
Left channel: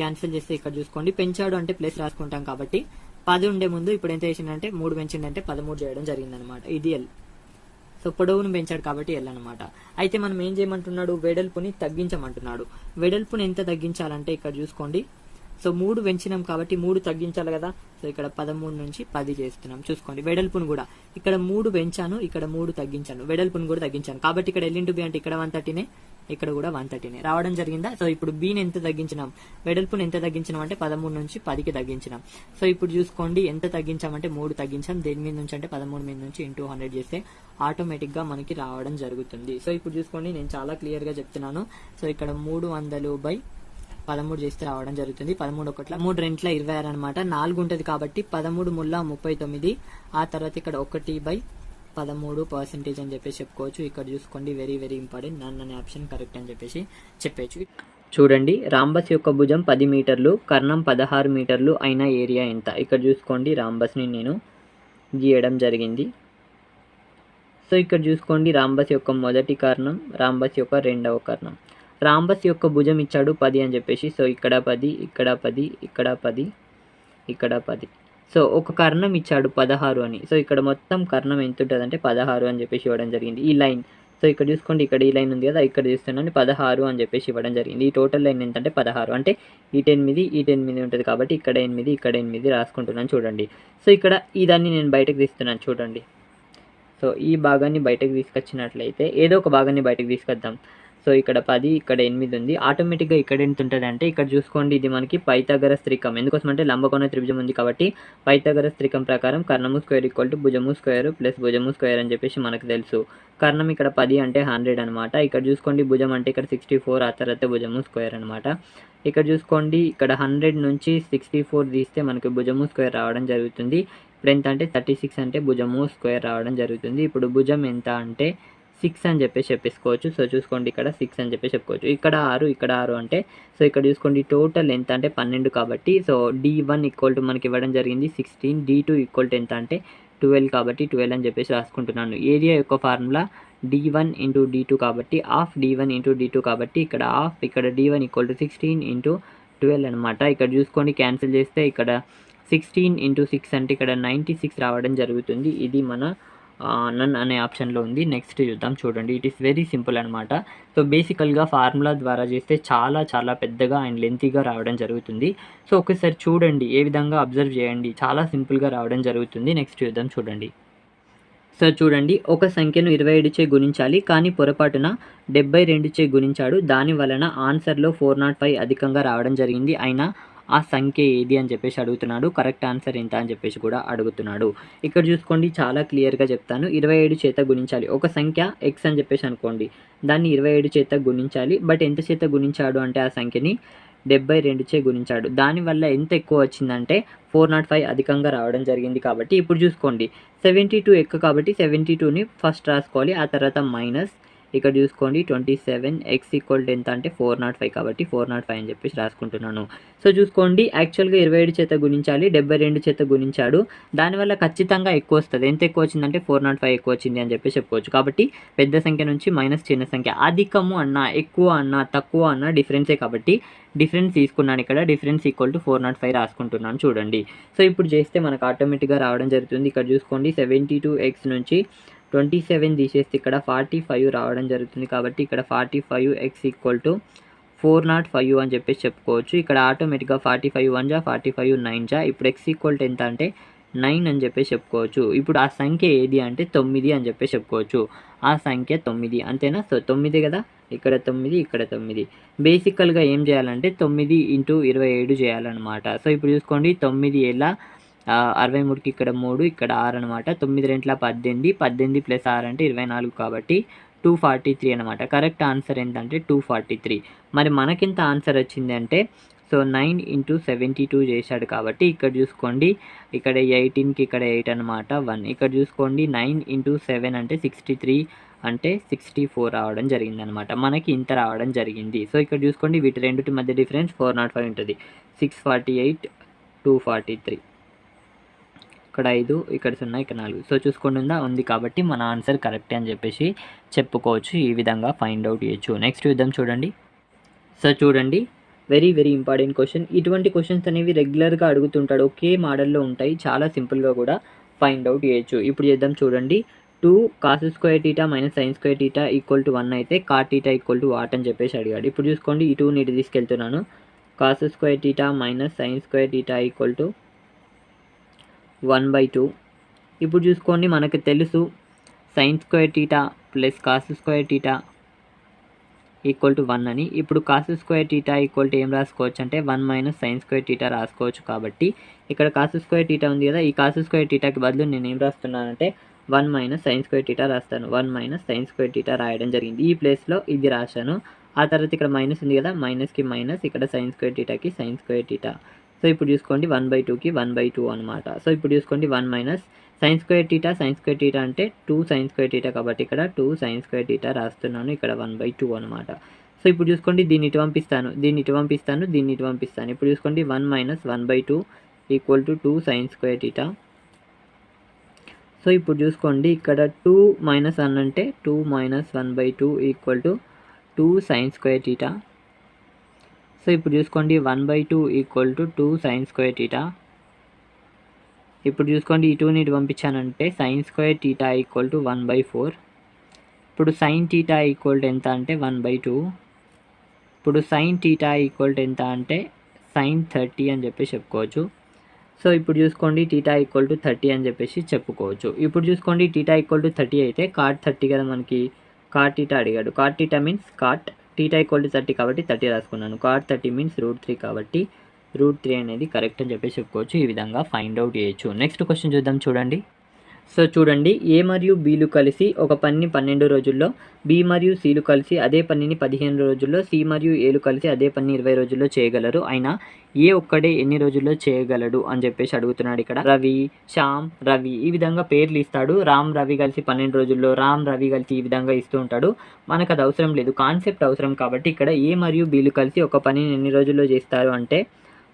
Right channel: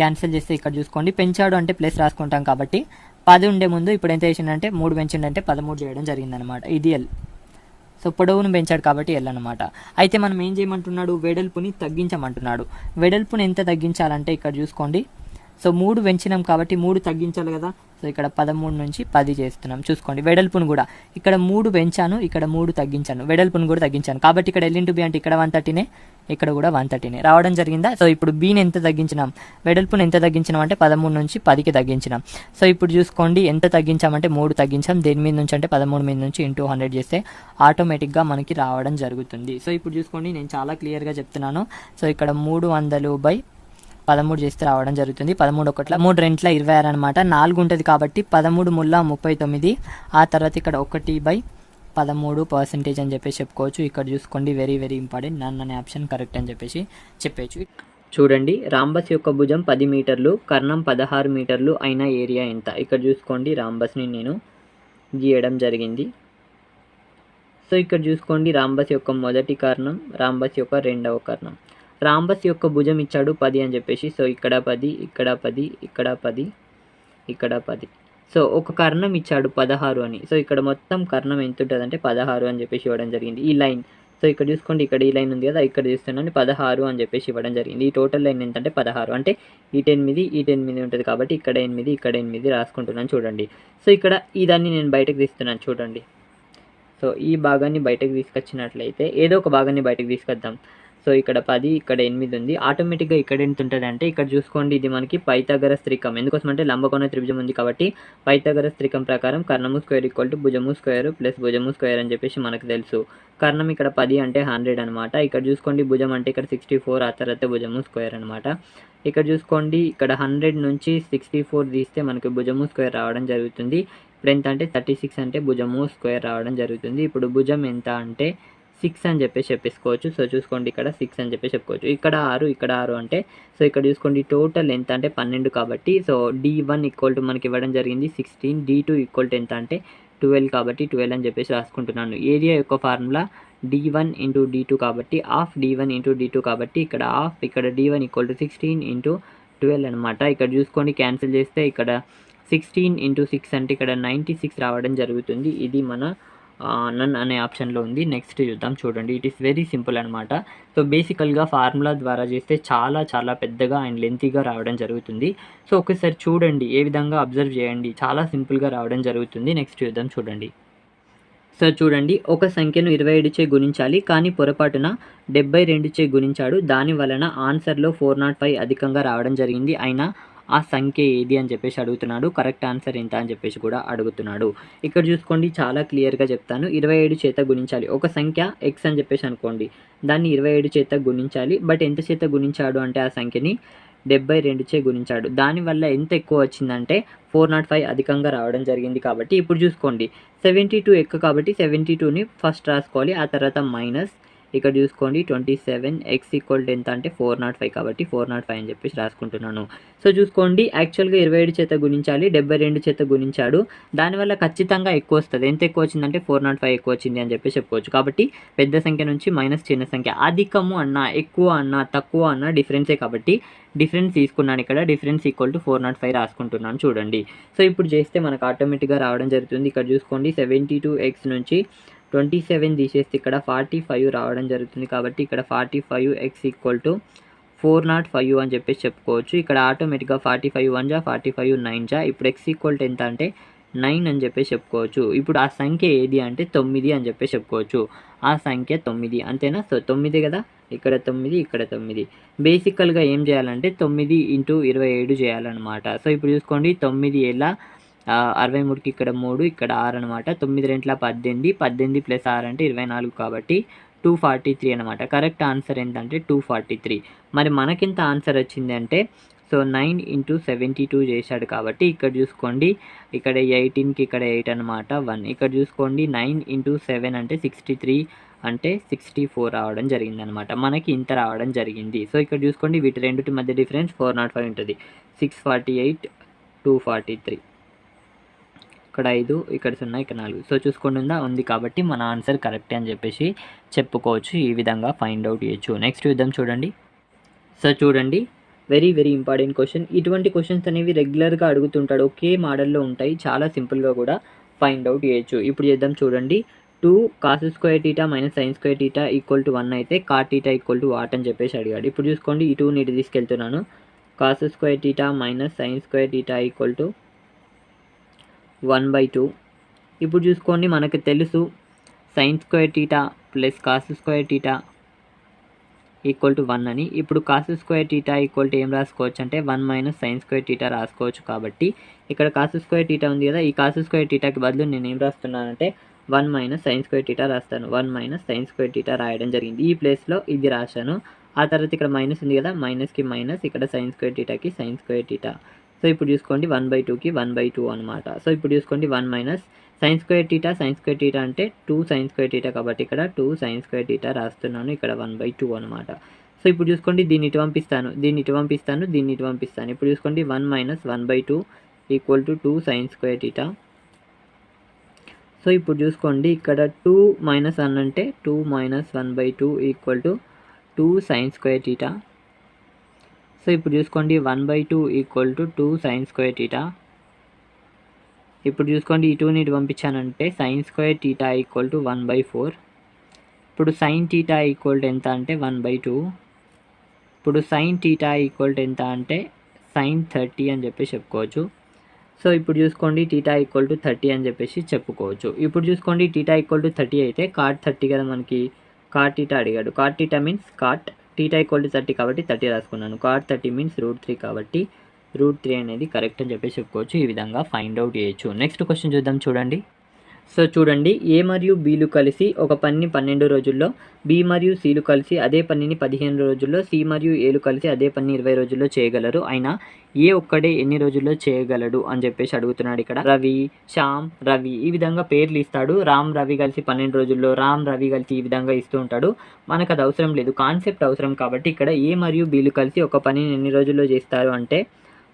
క్యాన్సిల్ చేస్తే ఇక్కడ చూసుకోండి, పెంచాడు అంటే ప్లస్ రాసుకుంటాం కాబట్టి 10 ఉండే ముందు ఇప్పుడు ఎంత చేసిండంటే 3 పెంచిండంటే 13 చేయడం జరిగిందనమాట. ఇది ఎల్. సో పొడవును పెంచాడు కాబట్టి ఎల్ అనమాట. అయితే మనం ఏం చేయమంటున్నాడు, వెడల్పుని తగ్గించమంటున్నాడు. వెడల్పుని ఎంత తగ్గించాలంటే ఇక్కడ చూసుకోండి. సో 3 పెంచినాం కాబట్టి 3 తగ్గించాలి కదా. సో ఇక్కడ 13 నుంచి 10 చేస్తున్నాం. చూసుకోండి వెడల్పును కూడా ఇక్కడ 3 పెంచాను, ఇక్కడ 3 తగ్గించాను, వెడల్పును కూడా తగ్గించాను. కాబట్టి ఇక్కడ ఎల్ ఇంటూ బి అంటే ఇక్కడ 130నే, ఇక్కడ కూడా 130నే రావడం జరిగిందా. సో ఇప్పుడు బీని ఎంత తగ్గించినాం, వెడల్పును ఎంత తగ్గించినాం అంటే 13 నుంచి 10కి తగ్గించినాం. సో ఇప్పుడు చూసుకోండి ఎంత తగ్గించామంటే 3 తగ్గించాం. దేని మీద నుంచి అంటే 13 మీద నుంచి ఇంటూ 100 చేస్తే ఆటోమేటిక్గా మనకి రావడం జరుగుతుంది. సో ఇప్పుడు చూసుకోండి నేను చాలా క్లియర్గా చెప్తున్నాను. సో ఇక్కడ 300/13 చేస్తే రావడం జరుగుతుంది. 13 ఒకట్ల 3 రెంట్ల 26 అనమాట. 4 ఉంటుంది కాబట్టి 13 ముళ్ళ 39. ఆ తర్వాత ఇక్కడ 1/13% అని చెప్పేసి చెప్పుకోవచ్చు. ఇక్కడ చూసుకోండి వెరీ వెరీ ఇంపార్టెంట్, నన్ అనే ఆప్షన్ కరెక్ట్ అని చెప్పేసి చెప్పచ్చు. చూడండి రాంబస్ యొక్క భుజం 10 మీటర్లు, కర్ణం 16 మీటర్లు అయిన ఏరియా ఎంత. ఇక్కడ చూసుకోండి రాంబస్ని నేను గీయడం జరిగింది. సో ఇక్కడ చూసుకోండి రాంబస్ యొక్క మొదటి కర్ణం, రాంబస్ యొక్క రెండవ కర్ణం. రాంబస్ యొక్క భుజం ఇచ్చాడు 10 అని చెప్పేసి. సో ఇక్కడ 10, ఇక్కడ 10, ఇక్కడ 10, ఇక్కడ 10. సో ఒక కర్ణం ఇచ్చాడు 16 అని. సో ఇక్కడ మొత్తం కర్ణం ఎంత ఉంటుంది అంటే 16 అని చెప్పేసి ఇవ్వడం జరిగింది. ఈ లైన్, సో ఇక్కడ చూసుకోండి ఇక్కడ ఈ లైన్ ఉంది కదా, ఇక్కడ చూస్తున్నాను 16 అని చెప్పేసి ఇవ్వడం జరిగింది. ఈ టోటల్ లైన్ ఎంత అంటే 16, అంటే ఇటు 8 ఉంటుంది కాబట్టి ఇక్కడ 8, ఇక్కడ 8 రాసుకుంటున్నాను చూడండి. సో ఇక్కడ ఇదాన్ని నేను బయటకు తీస్తున్నాను చూడండి. సో ఈ భాగాన్ని బయటకు తీసుకొచ్చినట్లయితే ఏదో ఒక భాగాన్ని బయటకు తీసుకొద్దాం. సో ఇక్కడ 10, ఇక్కడ 8 ఉంది. ఆటోమేటిక్గా ఇక్కడ ఎంత ఉంటుంది అంటే ఇక్కడ చూసుకోండి ఇది మనకి పైథాగరస్ త్రికం. ఎందుకోసం అంటే లంబకోణ త్రిభుజం ఉంది కాబట్టి పైథాగరస్ త్రికం ప్రకారం కర్ణము స్క్వేర్ ఈక్వల్ టు భుజము స్క్వేర్ ప్లస్ భుజము స్క్వేర్ అని చెప్పేసి మనకు తెలుసు. కర్ణం ఇక్కడ 10 అంటే 100 అనమాట. ఇక్కడ చూసుకోండి భుజం అంటే ఇక్కడ 64, ఆ తర్వాత భుజము స్క్వేర్ అనమాట. ఇక్కడ చూసుకోండి ఇక్కడ 100 నుంచి 64 తీస్తే మనకి భుజము స్క్వేర్ రావడం జరుగుతుంది. ఇప్పుడు ఎంత అంటే 36 అంటే భుజము స్క్వేర్ రావడం జరుగుతుంది. ఇప్పుడు భుజం ఎంత అంటే 6 అని చెప్పేసి చెప్పేసుకోవచ్చు. సో చూసుకోండి ఇక్కడ 6 అని చెప్పేసి చెప్పుకోవచ్చు. ఇక్కడ 6, ఇక్కడ 6 అంటే సో ఇక్కడ చూసుకోండి టోటల్ ఎంత అంటే 12 కాబట్టి సో D1 ఈక్వల్ టు మనకి ఇవ్వడం జరిగింది 16, D2 ఈక్వల్ టు ఎంత అంటే 12 కాబట్టి 12 అని చెప్పేసి రాసుకుంటున్నాను. ఏరియా యొక్క ఫార్ములా D1 ఇంటూ D2 కాబట్టి హాఫ్ D1 ఇంటూ D2 కాబట్టి ఇక్కడ హాఫ్, ఇక్కడ D1 ఈక్వల్ టు 16 ఇంటూ 12 అనమాట. ఇక్కడ చూసుకోండి క్యాన్సిల్ చేస్తే ఇక్కడ 16 ఇంటూ 6 అంటే ఇక్కడ 96 రావడం జరుగుతుంది. ఇది మన నన్ అనే ఆప్షన్లో ఉంది. నెక్స్ట్ చూద్దాం చూడండి. ఇట్ ఈస్ వెరీ సింపుల్ అనమాట. సో బేసికల్గా ఫార్ములా ద్వారా చేస్తే చాలా చాలా పెద్దగా అండ్ లెంతీగా రావడం జరుగుతుంది. సో ఒకసారి చూడండి, ఏ విధంగా అబ్జర్వ్ చేయండి, చాలా సింపుల్గా రావడం జరుగుతుంది. నెక్స్ట్ చూద్దాం చూడండి. సో చూడండి ఒక సంఖ్యను 27 చే గుణించాలి కానీ పొరపాటున 72 చే గుణించాడు. దాని వలన ఆన్సర్లో 405 అధికంగా రావడం జరిగింది. అయినా ఆ సంఖ్య ఏది అని చెప్పేసి అడుగుతున్నాడు. కరెక్ట్ ఆన్సర్ ఎంత అని చెప్పేసి కూడా అడుగుతున్నాడు. ఇక్కడ చూసుకోండి చాలా క్లియర్గా చెప్తాను. 27 చేత గుణించాలి. ఒక సంఖ్య ఎక్స్ అని చెప్పేసి అనుకోండి, దాన్ని 27 చేత గుణించాలి. బట్ ఎంత చేత గుణించాడు అంటే ఆ సంఖ్యని 72 చే గుణించాడు. దానివల్ల ఎంత ఎక్కువ వచ్చిందంటే 405 అధికంగా రావడం జరిగింది. కాబట్టి ఇప్పుడు చూసుకోండి 72 ఎక్కువ కాబట్టి 72ని ఫస్ట్ రాసుకోవాలి, ఆ తర్వాత మైనస్ ఇక్కడ చూసుకోండి 27 x ఈక్వల్ టు ఎంత అంటే 405 కాబట్టి 405 అని చెప్పేసి రాసుకుంటున్నాను. సో చూసుకోండి యాక్చువల్గా 27 చేత గుణించాలి, 72 చేత గుణించాడు. దానివల్ల ఖచ్చితంగా ఎక్కువ వస్తుంది. ఎంత ఎక్కువ వచ్చిందంటే 405 ఎక్కువ వచ్చింది అని చెప్పేసి చెప్పుకోవచ్చు. కాబట్టి పెద్ద సంఖ్య నుంచి మైనస్ చిన్న సంఖ్య, అధికము అన్నా ఎక్కువ అన్నా తక్కువ అన్నా డిఫరెన్సే కాబట్టి డిఫరెన్స్ తీసుకున్నాను. ఇక్కడ డిఫరెన్స్ ఈక్వల్ టు 405 రాసుకుంటున్నాను చూడండి. సో ఇప్పుడు చేస్తే మనకు ఆటోమేటిక్గా రావడం జరుగుతుంది. ఇక్కడ చూసుకోండి 72x నుంచి 27 తీసేస్తే ఇక్కడ 45 రావడం జరుగుతుంది. కాబట్టి ఇక్కడ 45x ఈక్వల్ టు 405 అని చెప్పేసి చెప్పుకోవచ్చు. ఇక్కడ ఆటోమేటిక్గా 45 1 జా 45 9 జా. ఇప్పుడు x ఈక్వల్ టు ఎంత అంటే 9 అని చెప్పేసి చెప్పుకోవచ్చు. ఇప్పుడు ఆ సంఖ్య ఏది అంటే 9 అని చెప్పేసి చెప్పుకోవచ్చు. ఆ సంఖ్య 9 అంతేనా. సో 9 కదా, ఇక్కడ 9, ఇక్కడ 9. బేసికల్గా ఏం చేయాలంటే 9 ఇంటూ 27 చేయాలన్నమాట. సో ఇప్పుడు చూసుకోండి 9 ఎలా 63కి ఇక్కడ 3, ఇక్కడ 6 అనమాట. 9 రెంట్ల 18, 18 ప్లస్ 6 అంటే 24 కాబట్టి 243 అనమాట. కరెక్ట్ ఆన్సర్ ఏంటంటే 243. మరి మనకింత ఆన్సర్ వచ్చింది అంటే సో 9 ఇంటూ 72 చేశాడు కాబట్టి ఇక్కడ చూసుకోండి ఇక్కడ 18కి ఇక్కడ 8 అనమాట 1. ఇక్కడ చూసుకోండి 9 ఇంటూ 7 అంటే 63 అంటే 64 రావడం జరిగింది అనమాట. మనకి ఇంత రావడం జరిగింది. సో ఇక్కడ చూసుకోండి వీటి రెండింటి మధ్య డిఫరెన్స్ 405 ఉంటుంది. 648 243, ఇక్కడ 5, ఇక్కడ 0, ఇక్కడ 4. సో చూసుకోండి ఉంది కాబట్టి మన ఆన్సర్ కరెక్టే అని చెప్పేసి చెప్పుకోవచ్చు. ఈ విధంగా ఫైండ్ అవుట్ చేయొచ్చు. నెక్స్ట్ చూద్దాం చూడండి. సో చూడండి వెరీ వెరీ ఇంపార్టెంట్ క్వశ్చన్. ఇటువంటి క్వశ్చన్స్ అనేవి రెగ్యులర్గా అడుగుతుంటాడు, ఒకే మోడల్లో ఉంటాయి, చాలా సింపుల్గా కూడా ఫైండ్ అవుట్ చేయొచ్చు. ఇప్పుడు చేద్దాం చూడండి. 2 cos square theta minus sine square theta equal to 1 అయితే cot theta equal to what అని చెప్పేసి అడిగాడు. ఇప్పుడు చూసుకోండి, ఈ 2ని ఇటు తీసుకెళ్తున్నాను. Cos square theta minus sine square theta equal to 1/2. ఇప్పుడు చూసుకోండి, మనకు తెలుసు sine square theta plus cos square theta equal to 1 అని. ఇప్పుడు cos square theta equal to ఏం రాసుకోవచ్చు అంటే 1 మైనస్ సైన్ స్క్వేర్ టీటా రాసుకోవచ్చు. కాబట్టి ఇక్కడ కాస్ స్క్వేర్ టీటా ఉంది కదా, ఈ కాస్ స్క్వేర్ టీటాకి బదులు నేను ఏం రాస్తున్నానంటే 1 మైనస్ సైన్ స్క్వేర్ టీటా రాస్తాను. 1 మైనస్ సైన్ స్క్వేర్ టీటా రాయడం జరిగింది. ఈ ప్లేస్లో ఇది రాశాను. ఆ తర్వాత ఇక్కడ మైనస్ ఉంది కదా, మైనస్కి మైనస్, ఇక్కడ సైన్ స్క్వేర్ టీటాకి సైన్ స్క్వేర్ టీటా. సో ఇప్పుడు చూసుకోండి 1/2కి 1/2 అనమాట. సో ఇప్పుడు చూసుకోండి 1 మైనస్ సైన్ స్క్వేర్ టీటా అంటే 2 సైన్ స్క్వేర్ టీటా, కాబట్టి ఇక్కడ 2 సైన్ స్క్వేర్ టీటా రాస్తున్నాను, ఇక్కడ 1/2 అనమాట. సో ఇప్పుడు చూసుకోండి, దీన్ని ఇటు పంపిస్తాను, దీన్ని ఇటు పంపిస్తాను. ఇప్పుడు చూసుకోండి 1 minus 1/2 equal to 2 sine square theta. So ఇప్పుడు చూసుకోండి, ఇక్కడ 2 మైనస్ 1 అంటే 2 minus 1/2 equal to 2 sine square theta. So ఇప్పుడు చూసుకోండి 1/2 equal to 2 sine square theta. ఇప్పుడు చూసుకోండి, ఈ 2ని ఇటు పంపించానంటే sine square theta equal to 1/4. ఇప్పుడు సైన్ టీటా ఈక్వల్ టు ఎంత అంటే 1/2. ఇప్పుడు సైన్ టీటా ఈక్వల్ టు ఎంత అంటే సైన్ 30 అని చెప్పేసి చెప్పుకోవచ్చు. సో ఇప్పుడు చూసుకోండి టీటా ఈక్వల్ టు 30 అని చెప్పేసి చెప్పుకోవచ్చు. ఇప్పుడు చూసుకోండి టీటా ఈక్వల్ టు 30 అయితే కాట్ 30 కదా, మనకి కాట్ టీటా అడిగాడు. Cot theta means cot theta equal to 30 కాబట్టి 30 రాసుకున్నాను. కాట్ 30 మీన్స్ √3 కాబట్టి √3 అనేది కరెక్ట్ అని చెప్పేసి చెప్పుకోవచ్చు. ఈ విధంగా ఫైండ్ అవుట్ చేయొచ్చు. నెక్స్ట్ క్వశ్చన్ చూద్దాం చూడండి. సో చూడండి, ఏ మరియు బీలు కలిసి ఒక పనిని 12 రోజుల్లో, బి మరియు సిలు కలిసి అదే పనిని 15 రోజుల్లో, సి మరియు ఏలు కలిసి అదే పనిని 20 రోజుల్లో చేయగలరు. అయినా ఏ ఒక్కడే ఎన్ని రోజుల్లో చేయగలడు అని చెప్పేసి అడుగుతున్నాడు. ఇక్కడ రవి, శ్యామ్, రవి ఈ విధంగా పేర్లు ఇస్తాడు. రామ్ రవి కలిసి 12 రోజుల్లో, రామ్ రవి కలిసి ఈ విధంగా ఇస్తూ ఉంటాడు. మనకు అది అవసరం లేదు, కాన్సెప్ట్ అవసరం. కాబట్టి ఇక్కడ ఏ మరియు బీలు కలిసి ఒక పనిని ఎన్ని రోజుల్లో చేస్తారు అంటే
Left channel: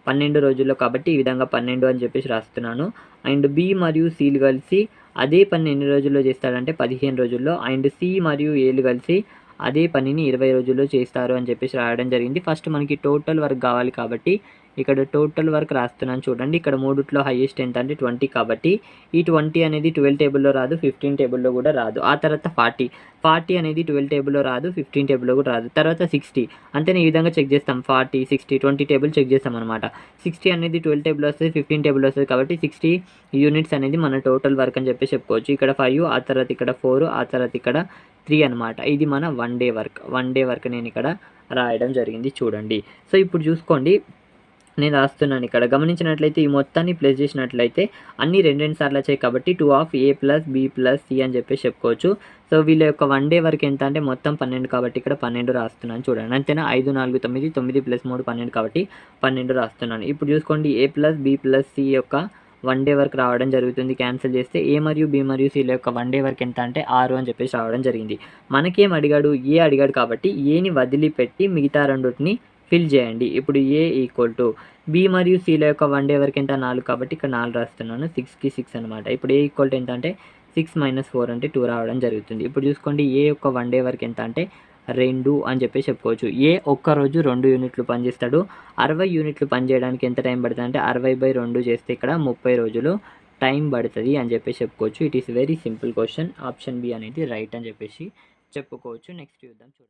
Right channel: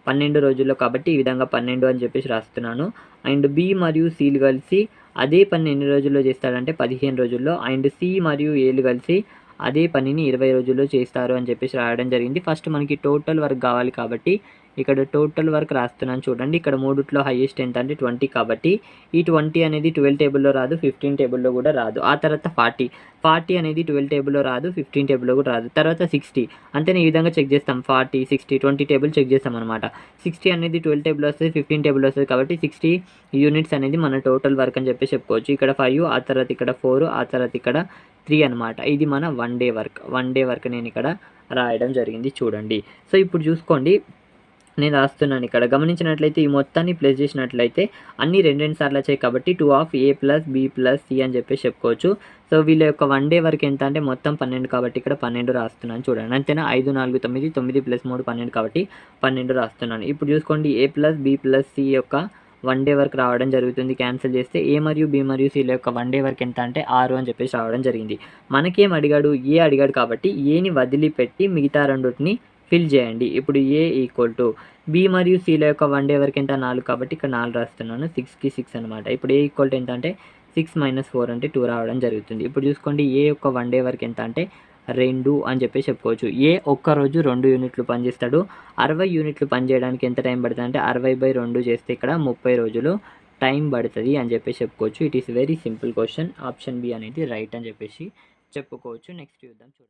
12 రోజుల్లో, కాబట్టి ఈ విధంగా 12 అని చెప్పేసి రాస్తున్నాను. అండ్ బి మరియు సిలు కలిసి అదే పని ఎన్ని రోజుల్లో చేస్తాడంటే 15 రోజుల్లో. అండ్ సి మరియు ఏలు కలిసి అదే పనిని 20 రోజుల్లో చేస్తారు అని చెప్పేసి రాయడం జరిగింది. ఫస్ట్ మనకి టోటల్ వర్క్ కావాలి కాబట్టి ఇక్కడ టోటల్ వర్క్ రాస్తున్నాను చూడండి. ఇక్కడ మూడిట్లో హైయెస్ట్ ఎంత అంటే 20, కాబట్టి ఈ 20 అనేది 12 టేబుల్లో రాదు, 15 టేబుల్లో కూడా రాదు. ఆ తర్వాత 40 అనేది 12 టేబుల్లో రాదు, 15 టేబుల్లో కూడా రాదు. తర్వాత 60 అంతేనే, ఈ విధంగా చెక్ చేస్తాం. 40, 60, 20 టేబుల్ చెక్ చేస్తాం అనమాట. 60 అనేది 12 టేబుల్ వస్తుంది, 15 టేబుల్ వస్తుంది, కాబట్టి 60 యూనిట్స్ అనేది మన టోటల్ వర్క్ అని చెప్పి చెప్పుకోవచ్చు. ఇక్కడ 5, ఆ తర్వాత ఇక్కడ 4, ఆ తర్వాత ఇక్కడ 3 అనమాట. ఇది మన 1 డే వర్క్ నేను ఇక్కడ రాయడం జరిగింది చూడండి. సో ఇప్పుడు చూసుకోండి, నేను రాస్తున్నాను ఇక్కడ. గమనించినట్లయితే ఈ మొత్తాన్ని ప్లస్ చేసినట్లయితే అన్ని 2 సార్లు వచ్చాయి కాబట్టి 2 ప్లస్ బి ప్లస్ సి అని చెప్పేసి చెప్పుకోవచ్చు. సో వీళ్ళ యొక్క 1 డే వరకు ఎంత అంటే మొత్తం 12 కాబట్టి ఇక్కడ 12 రాస్తున్నాను చూడండి. అంతేనా, 5, 4, 9, 9 ప్లస్ 3 12 కాబట్టి 12 రాస్తున్నాను. ఇప్పుడు చూసుకోండి, ఏ ప్లస్ బి ప్లస్ సి యొక్క 1 డే వరకు రావడం జరుగుతుంది. క్యాన్సిల్ చేస్తే ఏ మరియు బి మరియు సిల యొక్క 1 డే వరకు ఎంత అంటే 6 అని చెప్పేసి రావడం జరిగింది. మనకేం అడిగాడు, ఏ అడిగాడు కాబట్టి ఏని వదిలిపెట్టి మిగతా రెండుని ఫిల్ చేయండి. ఇప్పుడు ఏ ఈక్వల్ టు బి మరియు సిల యొక్క 1 డే వరకు ఎంత 4 కాబట్టి ఇక్కడ 4 రాస్తున్నాను. 6కి 6 అనమాట. ఇప్పుడు ఏ ఈక్వల్ టు ఎంత అంటే 6 - 4 అంటే 2 రావడం జరుగుతుంది. ఇప్పుడు చూసుకోండి, ఏ యొక్క 1 డే వరకు ఎంత అంటే 2 అని చెప్పేసి చెప్పుకోవచ్చు. ఏ ఒక్కరోజు 2 యూనిట్లు పనిచేస్తాడు. 60 యూనిట్లు పనిచేయడానికి ఎంత టైం పడుతుంది అంటే 60/2 చేస్తే ఇక్కడ 30 రోజులు టైం పడుతుంది అని చెప్పేసి చెప్పుకోవచ్చు. It is very simple question. Option B అనేది రైట్ అని చెప్పేసి చెప్పుకోవచ్చు. నెక్స్ట్ చూద్దాం చూడండి.